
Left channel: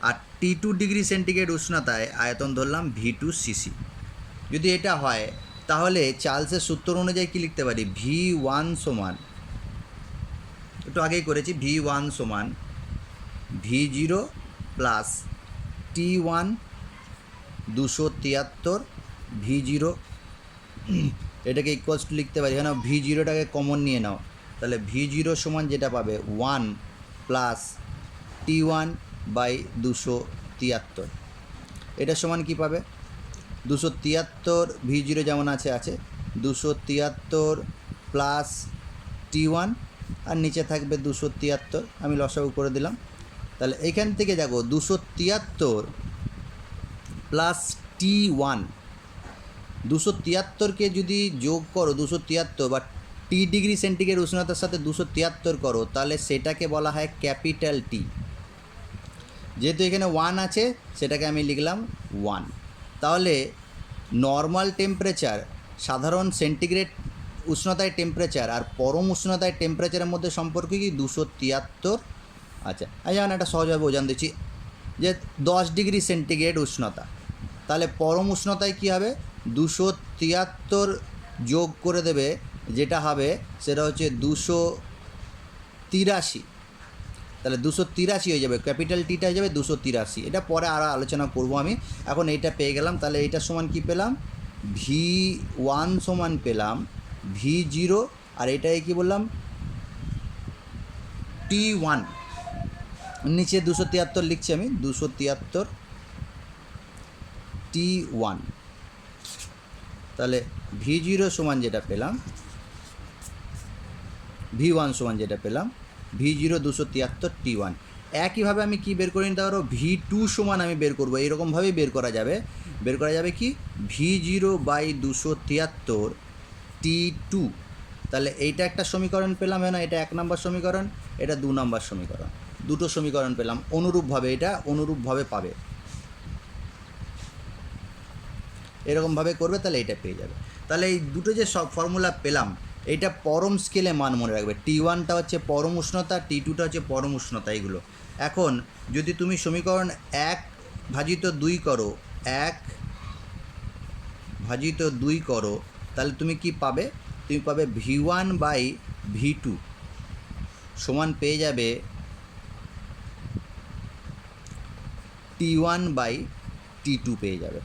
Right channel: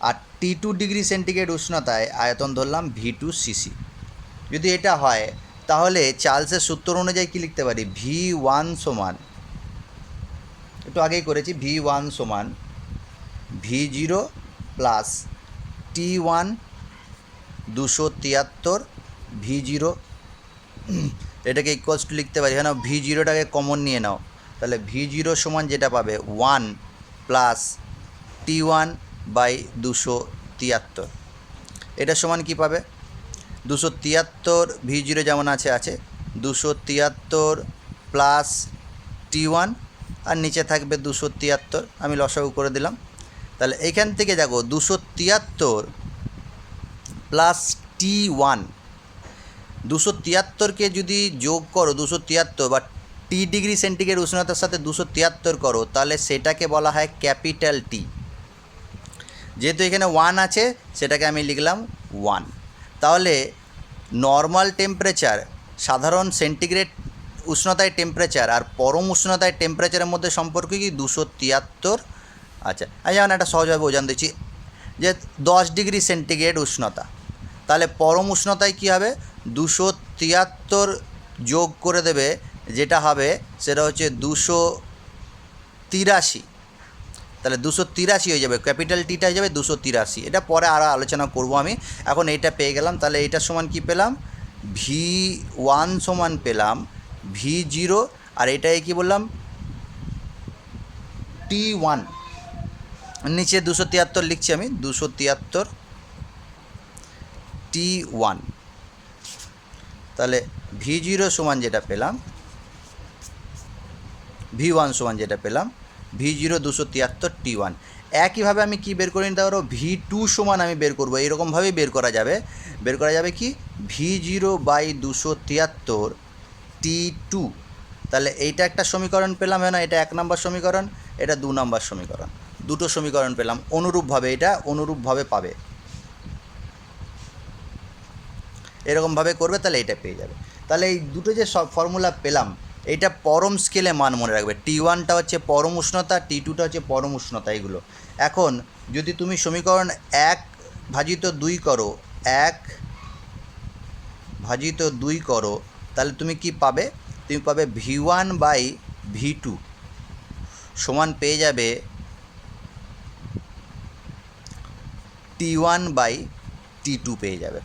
আর T2 ডিগ্রি সেন্টিগ্রেড উষ্ণতায় আয়তন ধরলাম V2 সিসি। যদি এটা হয়, তাহলে চার্লসের সূত্র অনুযায়ী কী লিখতে পারি? V1 সমান, একটু আগেই করেছি, V1 সমান V0 প্লাস T1 273 V0, এটাকে ইকুয়ালস টু লিখতে পারি, এখানে V0টাকে কমন নিয়ে নাও, তাহলে V0 সমান যেটা পাবে 1 প্লাস T1/273। এটা সমান কি পাবে? 273, V0 যেমন আছে 273 প্লাস T1, আর নিচে থাকবে 273, আমি লসাগু করে দিলাম। তাহলে এইখান থেকে দেখো 273 প্লাস T1, 273কে যদি যোগ করো, 273 বা টি ডিগ্রি সেন্টিগ্রেড উষ্ণতার সাথে 273 করো, তাহলে সেটাকে বলা হয় ক্যাপিটাল টি। যেহেতু এখানে 1 আছে, সেটাকে আমি লিখলাম 1। তাহলে নর্মাল টেম্পারেচার, সাধারণ সেন্টিগ্রেড উষ্ণতায় টেম্পারেচার আর পরম উষ্ণতায় টেম্পারেচারের মধ্যে সম্পর্ক কি? 273। আচ্ছা, আমি যেমন একটা সহজভাবে বোঝান দিচ্ছি, যে 10 ডিগ্রি সেন্টিগ্রেড উষ্ণতা, তাহলে পরম উষ্ণতায় কী হবে? 273 যোগ করে দেবে, যেটা হবে সেটা হচ্ছে 283। তাহলে 283 হয়ে যাবে, ক্যাপিটাল টিটা হয়ে যাবে 283। এটা পরে আরও আলোচনা করব আমি। এখন এইটা পেয়ে গেলাম, তাহলে এইটার সমান কি পেলাম, V1 সমান পেলাম V0, আর এটাই কি বললাম T1। নিচে 273 লিখছি আমি, 273 T1। তাহলে V0 সমান যেটা পেলাম, V1 সমান যেটা পেলাম V0 273 T1। একইভাবে আমি কি বের করে নিতে পারবো, V2 সমান আমি বের করবো, এরকমভাবেই বের করা যাবে কি V0 বাই 273 T2। তাহলে এইটা একটা সমীকরণ পেলাম, হ্যাঁ না, এটা 1 নম্বর সমীকরণ, এটা 2 নম্বর সমীকরণ, দুটো সমীকরণ পেলাম অনুরূপভাবে, এটা অনুরূপভাবে পাবে, এরকমভাবে করবে, তাহলে এটা পেয়ে যাবে। তাহলে এই দুটো যে সব ফর্মুলা পেলাম, এইটা পরম স্কেলে মান মনে রাখবে। T1টা হচ্ছে পরম উষ্ণতা, T2টা হচ্ছে পরম উষ্ণতা, এইগুলো। এখন যদি তুমি সমীকরণ 1/2 করো, 1/2 করো, তাহলে তুমি কি পাবে, তুমি পাবে V1 বাই V2 সমান পেয়ে যাবে T1 বাই T2 পেয়ে যাবে।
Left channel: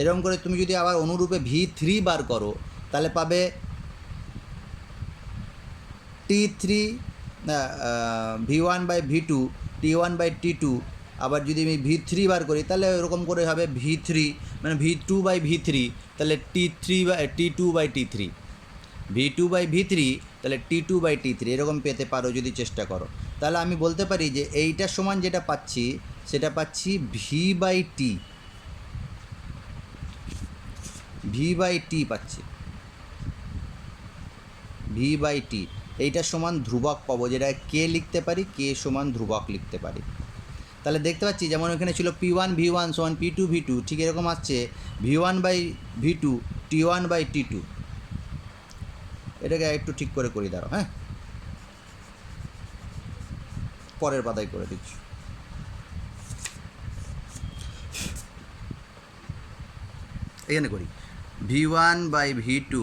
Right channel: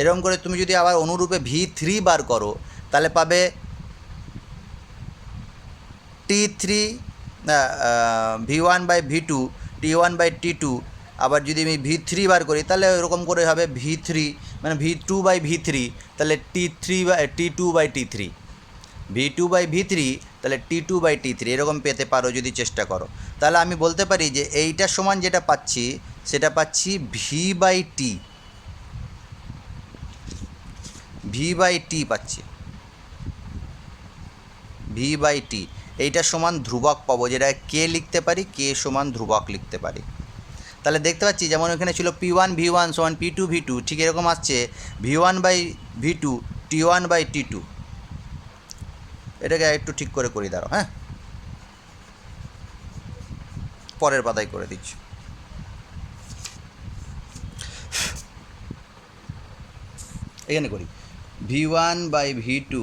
এরকম করে তুমি যদি আবার অনুরূপে V3 বার করো, তাহলে পাবে T3 V1 by V2 T1 by T2। আবার যদি আমি V3 বার করি, তাহলে এরকম করে হবে V3 মানে V2 বাই V3, তাহলে T2 by T3, V2 by V3, তাহলে T2 বাই T3, এরকম পেতে পারো যদি চেষ্টা করো। তাহলে আমি বলতে পারি যে এইটা সমান যেটা পাচ্ছি সেটা পাচ্ছি V বাই T পাচ্ছি, V বাই T। এইটা সমান ধ্রুবক পাবো, যেটা কে লিখতে পারি, কে সমান ধ্রুবক লিখতে পারি। তাহলে দেখতে পাচ্ছি যেমন এখানে ছিল P1 V1 সমান P2 V2, ঠিক এরকম আসছে V1 by V2 T1 by T2। এটাকে একটু ঠিক করে করি, দাঁড়াও, হ্যাঁ, পরের পাতায় করে দিচ্ছি। এখানে করি V1 বাই V2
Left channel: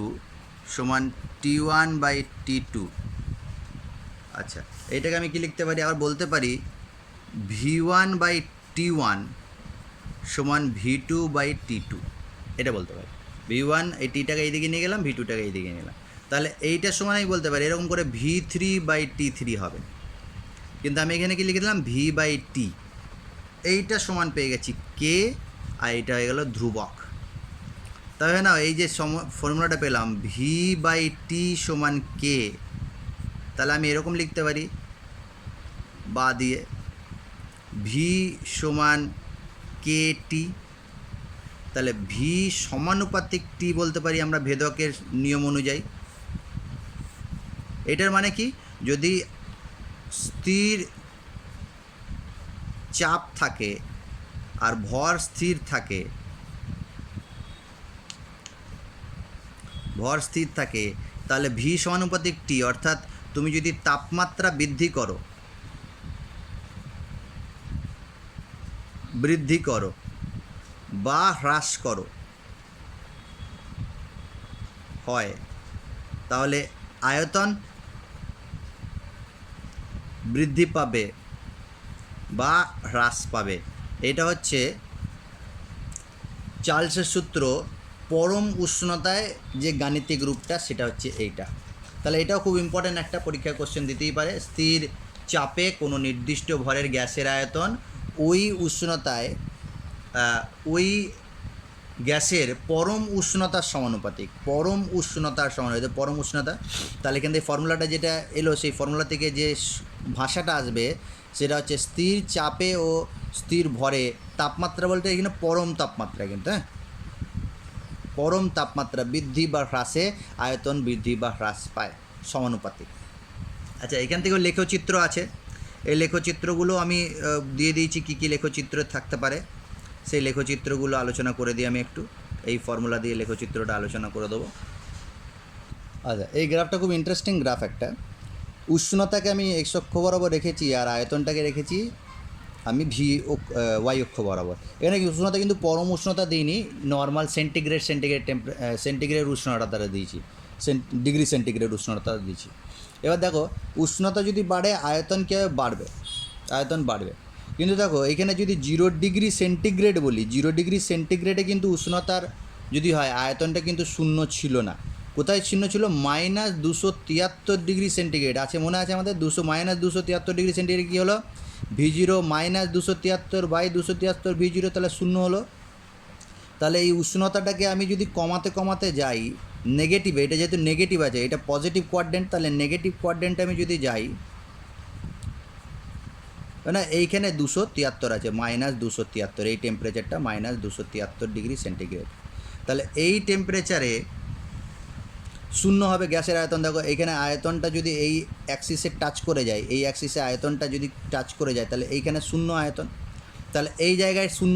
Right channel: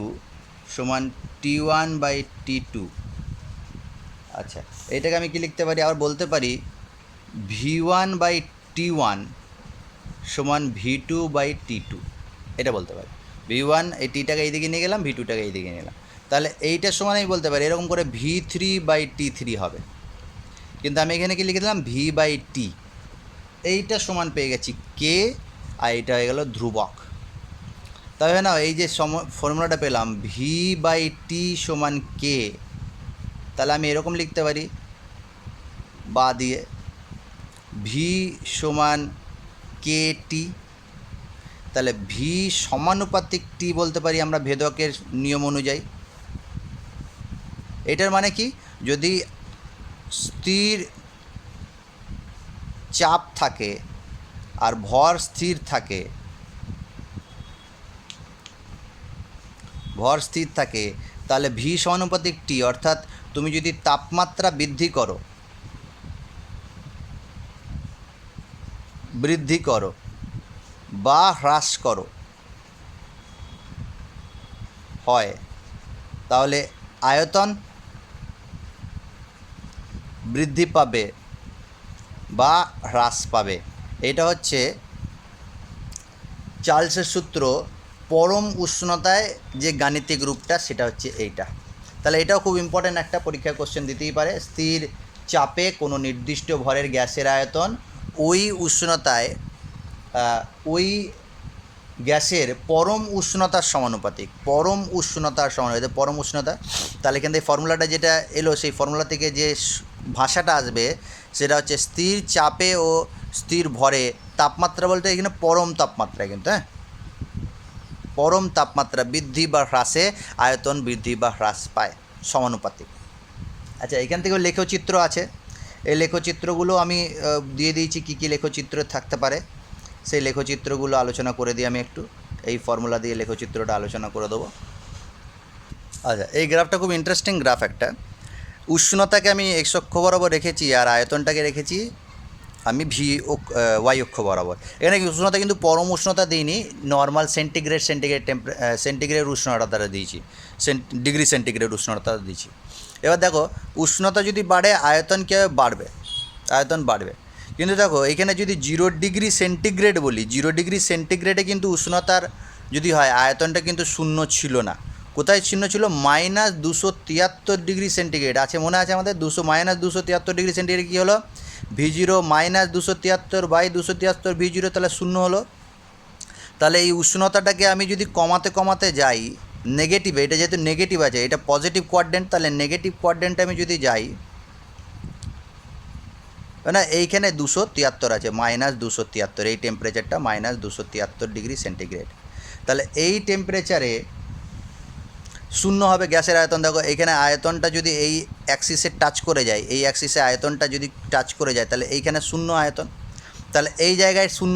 সমান T1 বাই T2। আচ্ছা, এটাকে আমি কি লিখতে পারি, আবার বলতে পারি V1 বাই T1 সমান V2 বাই T2, এটা বলতে পারি। V1 এই Tটাকে এইদিকে নিয়ে গেলাম, V2টাকে এইদিকে নিয়ে গেলাম, তাহলে এইটার সমান আমি বলতে পারি এরকম করে V3 বাই T3 হবে। কিন্তু আমি এখানে কি লিখে দিলাম V বাই T, এইটা সমান পেয়ে গেছি কে, আর এইটা হয়ে গেল ধ্রুবক। তবে না, এই যে ফর্মুলাটা পেলাম V বাই T সমান কে, তাহলে আমি এরকম লিখতে পারি বা দিয়ে V সমান KT, তাহলে V সমানুপাতিক T বলতে পারি আমরা ভেদকের নিয়ম অনুযায়ী। এটার মানে কি, যদি স্থির চাপ থাকে আর ভর স্থির থাকে, তাহলে V সমানুপাতিক T, অর্থাৎ তুমি যদি তাপমাত্রা বৃদ্ধি করো বা হ্রাস করো হয়, তাহলে আয়তন বৃদ্ধি পাবে বা হ্রাস পাবে। এটা হচ্ছে চার্লসের সূত্র, পরম উষ্ণতায় যে গাণিতিক রূপটা সেটা হচ্ছে এইটা। তাহলে এটাও খুব ইম্পর্ট্যান্ট একটা পরীক্ষা কোশ্চেন দিতেই পারে। স্থির চাপে কোনো নির্দিষ্ট ভরের গ্যাসের আয়তন ওই উষ্ণতায় ওই গ্যাসের পরম উষ্ণতার সমানুপাতিক, পরম উষ্ণতা। তাহলে এখান থেকে ফর্মুলাটা যেটা এলো, সেই ফর্মুলা থেকে যে ভাষাটা আসবে সেটা হচ্ছে স্থির চাপে ও স্থির ভরে তাপমাত্রা বলতে এখানে পরম তাপমাত্রা, কিন্তু হ্যাঁ, পরম তাপমাত্রা বৃদ্ধি বা হ্রাসে আয়তন বৃদ্ধি বা হ্রাস পায় সমানুপাতিক। আচ্ছা, এখান থেকেও লেখচিত্র আছে, এই লেখচিত্রগুলো আমি দিয়ে দিয়েছি, কী কী লেখচিত্র থাকতে পারে সেই লেখচিত্রগুলো আলোচনা করে দিই আমি একটু। এই ফর্মুলা দিয়ে লেখচিত্রটা আলোচনা করে দেবো। আচ্ছা, এই গ্রাফটা খুব ইন্টারেস্টিং গ্রাফ একটা। উষ্ণতাকে আমি এক্স অক্ষ বরাবর রেখেছি, আর আয়তনটাকে রেখেছি আমি ওয়াই অক্ষ বরাবর। এখানে উষ্ণতা কিন্তু পরম উষ্ণতা দিইনি, নর্মাল সেন্টিগ্রেড উষ্ণতা দিয়েছি, ডিগ্রি সেন্টিগ্রেড উষ্ণতা দিয়েছি। এবার দেখো উষ্ণতা যদি বাড়ে আয়তন কীভাবে বাড়বে, আয়তন বাড়বে, কিন্তু দেখো এখানে যদি 0 ডিগ্রি সেন্টিগ্রেড বলি, 0 ডিগ্রি সেন্টিগ্রেডে কিন্তু উষ্ণতার যদি হয় আয়তনটা কিন্তু শূন্য ছিল না। কোথায় শূন্য ছিল? -273 ডিগ্রি সেন্টিগ্রেড আছে, মনে আছে আমাদের? -273 ডিগ্রি সেন্টিগ্রেড কী হলো? V0 -273/273 তাহলে শূন্য হলো। তাহলে এই উষ্ণতাটাকে আমি যদি কমাতে কমাতে যাই নেগেটিভে, এটা যেহেতু নেগেটিভ আছে, এটা পজিটিভ কোয়াড্রেন্ট, তাহলে নেগেটিভ কোয়াড্রেন্টে আমি যদি যাই না, এইখানে 273 আছে, -273, এই টেম্পারেচারটা -273 ডিগ্রি সেন্টিগ্রেড। তাহলে এই টেম্পারেচারে শূন্য হবে গ্যাসের আয়তন। দেখো এইখানে আয়তনটা যদি এই অ্যাক্সিসে টাচ করে যায়, এই অ্যাক্সিসে আয়তনটা যদি টাচ করে যায় তাহলে এইখানে শূন্য আয়তন, তাহলে এই জায়গায় শূন্য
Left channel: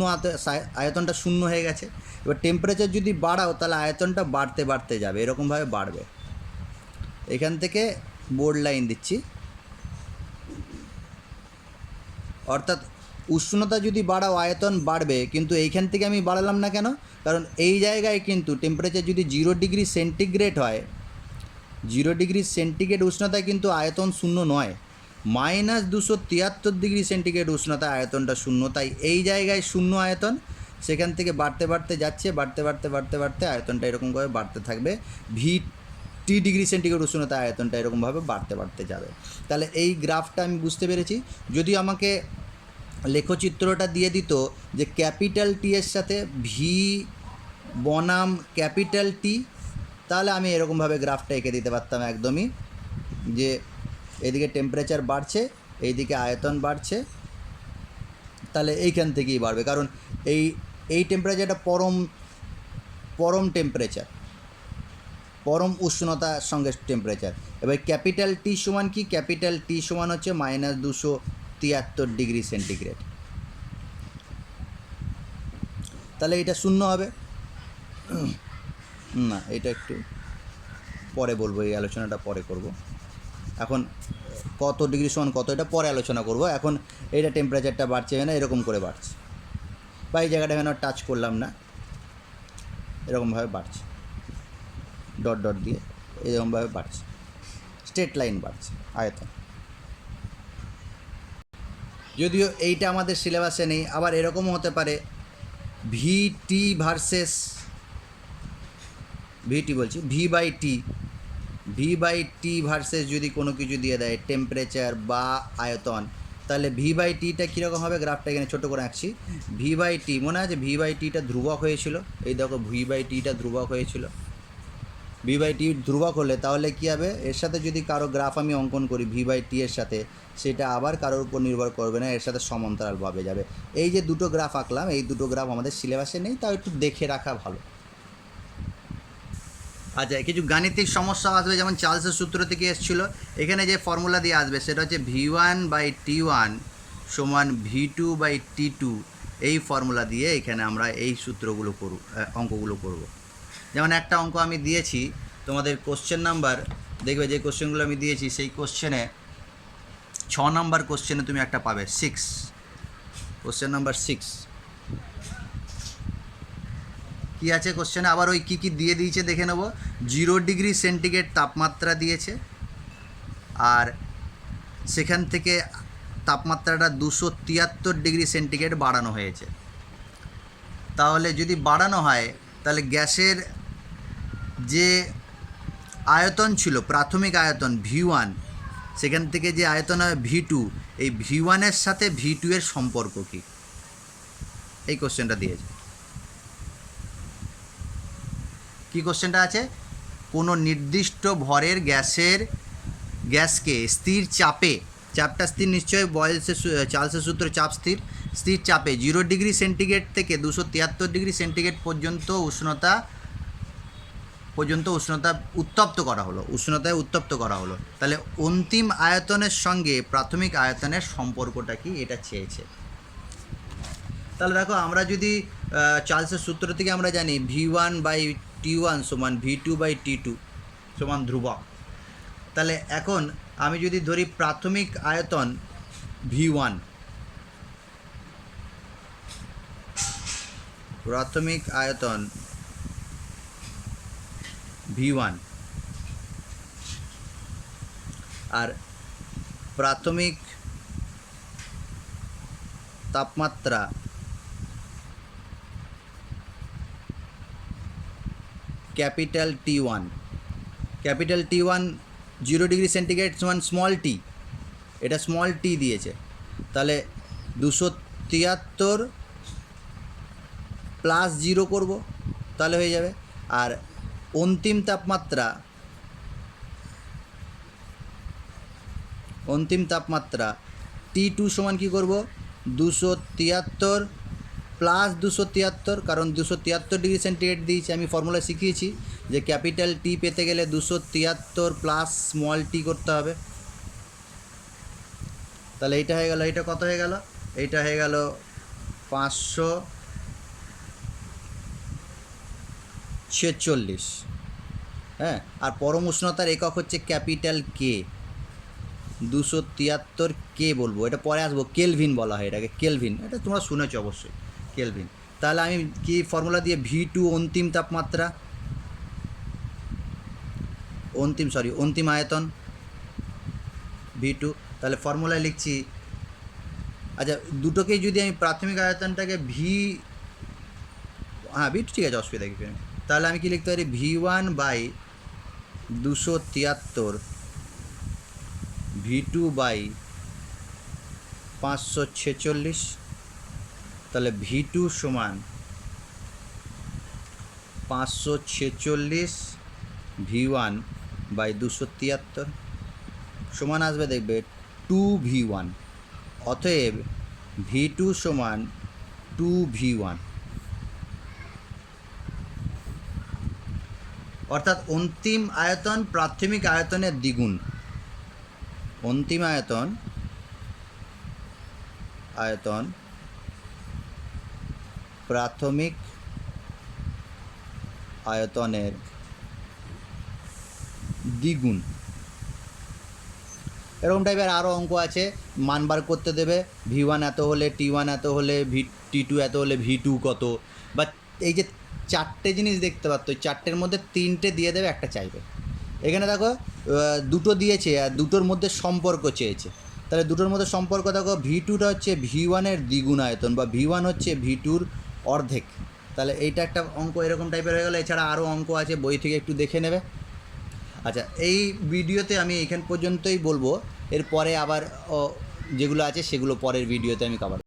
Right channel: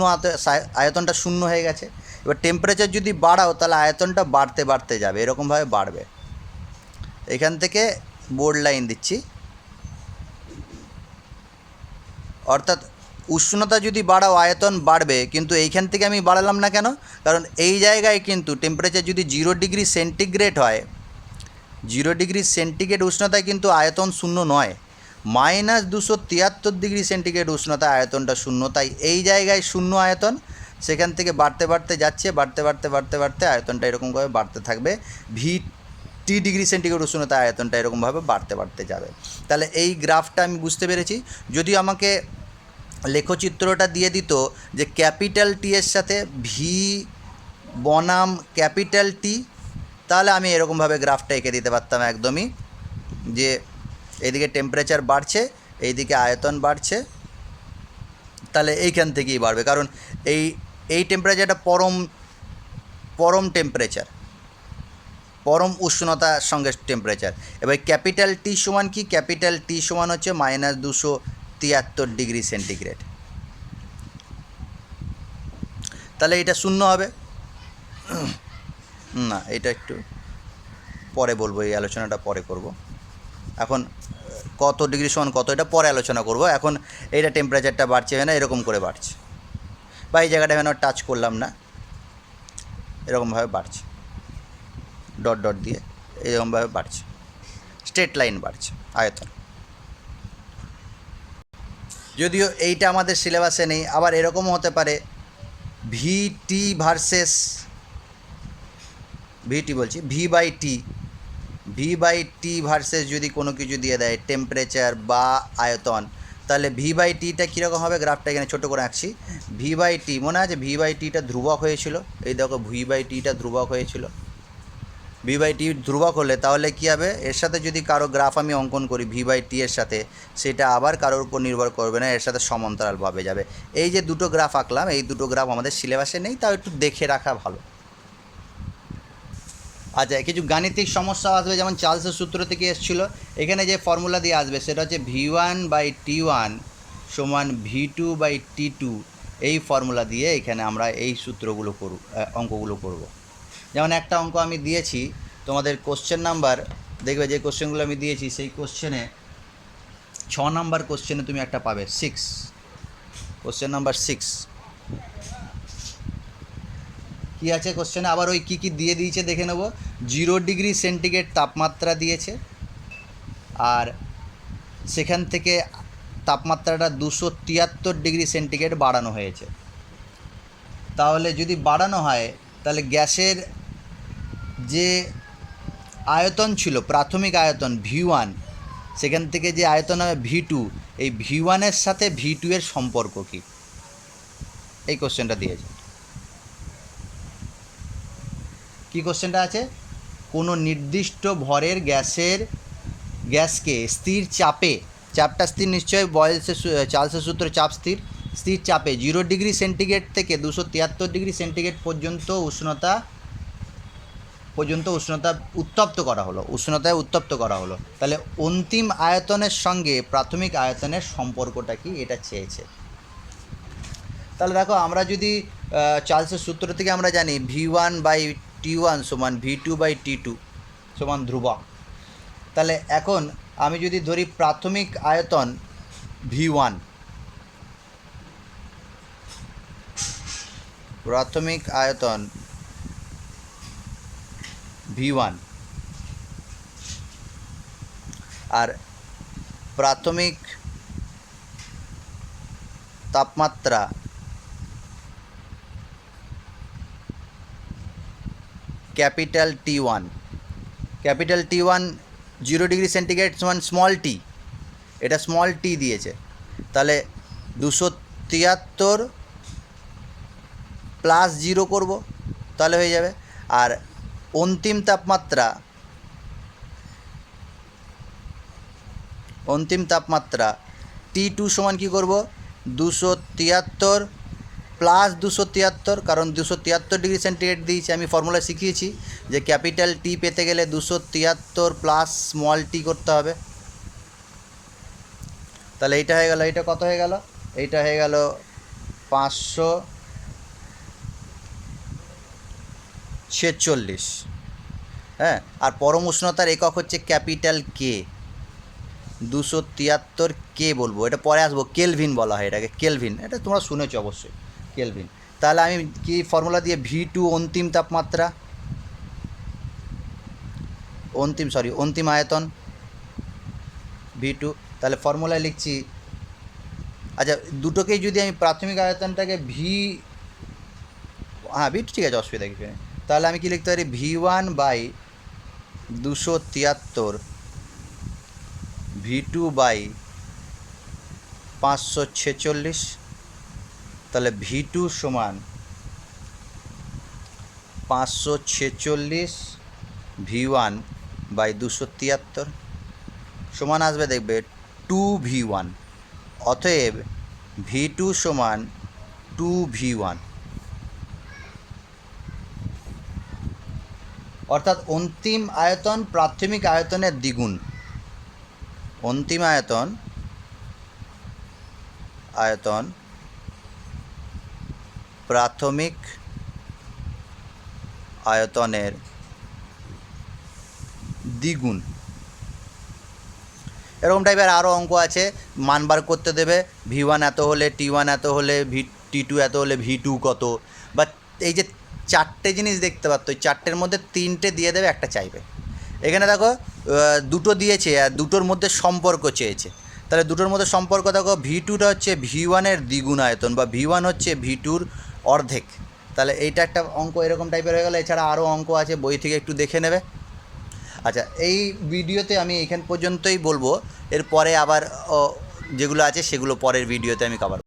আয়তনটা শূন্য হয়ে গেছে। এবার টেম্পারেচার যদি বাড়াও তাহলে আয়তনটা বাড়তে বাড়তে যাবে, এরকমভাবে বাড়বে। এখান থেকে বোর্ড লাইন দিচ্ছি, অর্থাৎ উষ্ণতা যদি বাড়াও আয়তন বাড়বে, কিন্তু এইখান থেকে আমি বাড়ালাম না কেন? কারণ এই জায়গায় কিন্তু টেম্পারেচার যদি 0 ডিগ্রি সেন্টিগ্রেড হয়, 0 ডিগ্রি সেন্টিগ্রেড উষ্ণতায় কিন্তু আয়তন শূন্য নয়, -273 ডিগ্রি সেন্টিগ্রেড উষ্ণতা আয়তনটা শূন্য। তাই এই জায়গায় শূন্য আয়তন, সেখান থেকে বাড়তে বাড়তে যাচ্ছে, বাড়তে বাড়তে বাড়তে বাড়তে আয়তনটা এরকমভাবে বাড়তে থাকবে। VT ডিগ্রি সেন্টিগ্রেড উষ্ণতা আয়তনটা এরকমভাবে বাড়তে বাড়তে যাবে। তাহলে এই গ্রাফটা আমি বুঝতে পেরেছি। যদি আমাকে লেখচিত্রটা দিয়ে দিত যে ক্যাপিটাল টি এর সাথে ভি বনাম ক্যাপিটাল টি, তাহলে আমি এরকমভাবে গ্রাফটা এঁকে দিতে পারতাম একদমই, যে এইদিকে টেম্পারেচার বাড়ছে, এইদিকে আয়তন বাড়ছে, তাহলে এইখান থেকেই বাড়বে, কারণ এই টেম্পারেচারটা পরম টেম্পারেচার, পরম উষ্ণতার সঙ্গে টেম্পারেচার। এবার ক্যাপিটাল টি সমান কি? ক্যাপিটাল টি সমান হচ্ছে -273 ডিগ্রি সেন্টিগ্রেড। তাহলে এটা শূন্য হবে না, এটা একটু পরে বলবো, এই আলোচনাটা পরে করব। এখন কত ডিগ্রি সমান কত এটা পরে আলোচনা করব। এখন এইটা টেম্পারেচারটা বাড়ছে না, এরকম করে বাড়ছে, বা এই জায়গাটা এখানে টাচ করলাম না, এরকমভাবে বাড়ছে, ডট ডট দিয়ে এরকমভাবে বাড়ছে, স্ট্রেট লাইন বাড়ছে আয়তন। যদিও এইটা আমাদের সিলেবাসে নেই। আবার এরকমও হতে পারে VT versus V by T versus যদি কোনো কিছু দিয়ে দেয় টেম্পারেচার বা আয়তন, তাহলে ভি বাই টিটা কীরকম হবে? গ্রাফটা এখানে ছোটো করে আঁকছি। ভি বাই টি মনে আছে, ভি বাই টিটা ধ্রুবক হয়েছিল, এই দেখো ভি বাই টিটা ধ্রুবক হয়েছিল। ভি বাই টি ধ্রুবক হলে তাহলে কী হবে? এর সাথে যদি কারো গ্রাফ আমি অঙ্কন করি ভি বাই টি এর সাথে, সেটা আবার কারোর উপর নির্ভর করবে না, এর সাথে সমান্তরালভাবে যাবে। এই যে দুটো গ্রাফ আঁকলাম, এই দুটো গ্রাফ আমাদের সিলেবাসে নেই, তাও একটু দেখে রাখা ভালো। আচ্ছা, কিছু গাণিতিক সমস্যা আসবে, যেমন চার্লসের সূত্র থেকে এসেছিলো। এখানে যে ফর্মুলা দিয়ে আসবে সেটা হচ্ছে V1/T1 সমান V2/T2, এই ফর্মুলা দিয়ে এখানে আমরা এই সূত্রগুলো অঙ্কগুলো করব। যেমন একটা অঙ্ক আমি দিয়েছি তোমাদের, কোশ্চেন নাম্বার দেখবে, যে কোশ্চেনগুলো আমি দিয়েছি সেই কোশ্চেনে 6 নাম্বার কোশ্চেনে তুমি একটা পাবে 6, কোশ্চেন নাম্বার 6 কী আছে কোশ্চেনে, আবার ওই কী কী দিয়ে দিয়েছে দেখে নেব। 0 ডিগ্রি সেন্টিগ্রেড তাপমাত্রা দিয়েছে, আর সেখান থেকে তাপমাত্রাটা 273 ডিগ্রি সেন্টিগ্রেড বাড়ানো হয়েছে। তাহলে যদি বাড়ানো হয় তাহলে গ্যাসের যে আয়তন ছিল, প্রাথমিক আয়তন V1, সেখান থেকে যে আয়তন হবে V2, এই V1-এর সাথে V2 এর সম্পর্ক কী, এই কোশ্চেনটা দিয়েছে। কী কোশ্চেনটা আছে? কোনো নির্দিষ্ট ভরের গ্যাসকে স্থির চাপে, চাপটা স্থির নিশ্চয়ই চার্লসের সূত্র, চাপ স্থির চাপে 0 ডিগ্রি সেন্টিগ্রেড থেকে 273 ডিগ্রি সেন্টিগ্রেড পর্যন্ত উষ্ণতা উত্তপ্ত করা হলো, উষ্ণতায় উত্তপ্ত করা হলো। তাহলে অন্তিম আয়তনের সঙ্গে প্রাথমিক আয়তনের সম্পর্কটা কি, এটা চেয়েছে। তাহলে দেখো, আমরা যদি চার্লসের সূত্র থেকে আমরা জানি V1/T1 সমান V2/T2 সমান ধ্রুবক। তাহলে এখন আমি যদি ধরি প্রাথমিক আয়তন V1, প্রাথমিক আয়তন V1, আর প্রাথমিক তাপমাত্রা capital T1, capital T1 0 degree centigrade সমান স্মল টি, এটা স্মল টি দিয়েছে, তাহলে 273 প্লাস 0 করব, তাহলে হয়ে যাবে। আর অন্তিম তাপমাত্রা T2 সমান কী করব, 273 প্লাস 273, কারণ 273 ডিগ্রি সেন্টিগ্রেড দিয়েছে, আমি ফর্মুলা শিখিয়েছি যে ক্যাপিটাল টি পেতে গেলে 273 প্লাস স্মল টি করতে হবে। তাহলে এইটা হয়ে গেল, এইটা কত হয়ে গেল, এইটা হয়ে গেল 546, হ্যাঁ। আর পরম উষ্ণতার একক হচ্ছে ক্যাপিটাল কে, 273 কে বলবো, এটা পরে আসবো, কেলভিন বলা হয় এটাকে, কেলভিন, এটা তোমরা শুনেছ অবশ্যই, কেলভিন। তাহলে আমি কি ফর্মুলা দিয়ে V2 অন্তিম তাপমাত্রা, অন্তিম আয়তন V2, তাহলে ফর্মুলায় লিখছি, আচ্ছা দুটোকেই যদি আমি প্রাথমিক আয়তনটাকে V2 ঠিক আছে, অসুবিধা কিছু নেই। তাহলে আমি কি লিখতে পারি, V1 বাই 273, V2 বাই 546, তাহলে V2 সমান 546 V1 বাই 273 সমান আসবে, দেখবে 2V1, অতএব V2 সমান 2V1, অর্থাৎ অন্তিম আয়তন প্রাথমিক আয়তনের দ্বিগুণ, অন্তিম আয়তন প্রাথমিক আয়তনের দ্বিগুণ। এরকম টাইপের আরও অঙ্ক আছে, মান বার করতে দেবে, V1 এত হলে T1 এত হলে T2 এত হলে V2 কত, বা এই যে চারটে জিনিস দেখতে পাচ্ছ, ওই চারটের মধ্যে তিনটে দিয়ে দেবে, একটা চাইবে। এখানে দেখো দুটো দিয়েছে আর দুটোর মধ্যে সম্পর্ক চেয়েছে, তাহলে দুটোর মধ্যে সম্পর্ক দেখো, V2টা হচ্ছে V1-এর দ্বিগুণ আয়তন, বা V1 হচ্ছে V2-র অর্ধেক। তাহলে এইটা একটা অঙ্ক এরকম টাইপের হয়ে গেল। এছাড়া আরও অঙ্ক আছে, বই থেকে একটু দেখে নেবে। আচ্ছা, এই ভিডিওতে আমি এখান পর্যন্তই বলবো, এরপরে আবার যেগুলো আছে সেগুলো পরের ভিডিওতে আমি কভার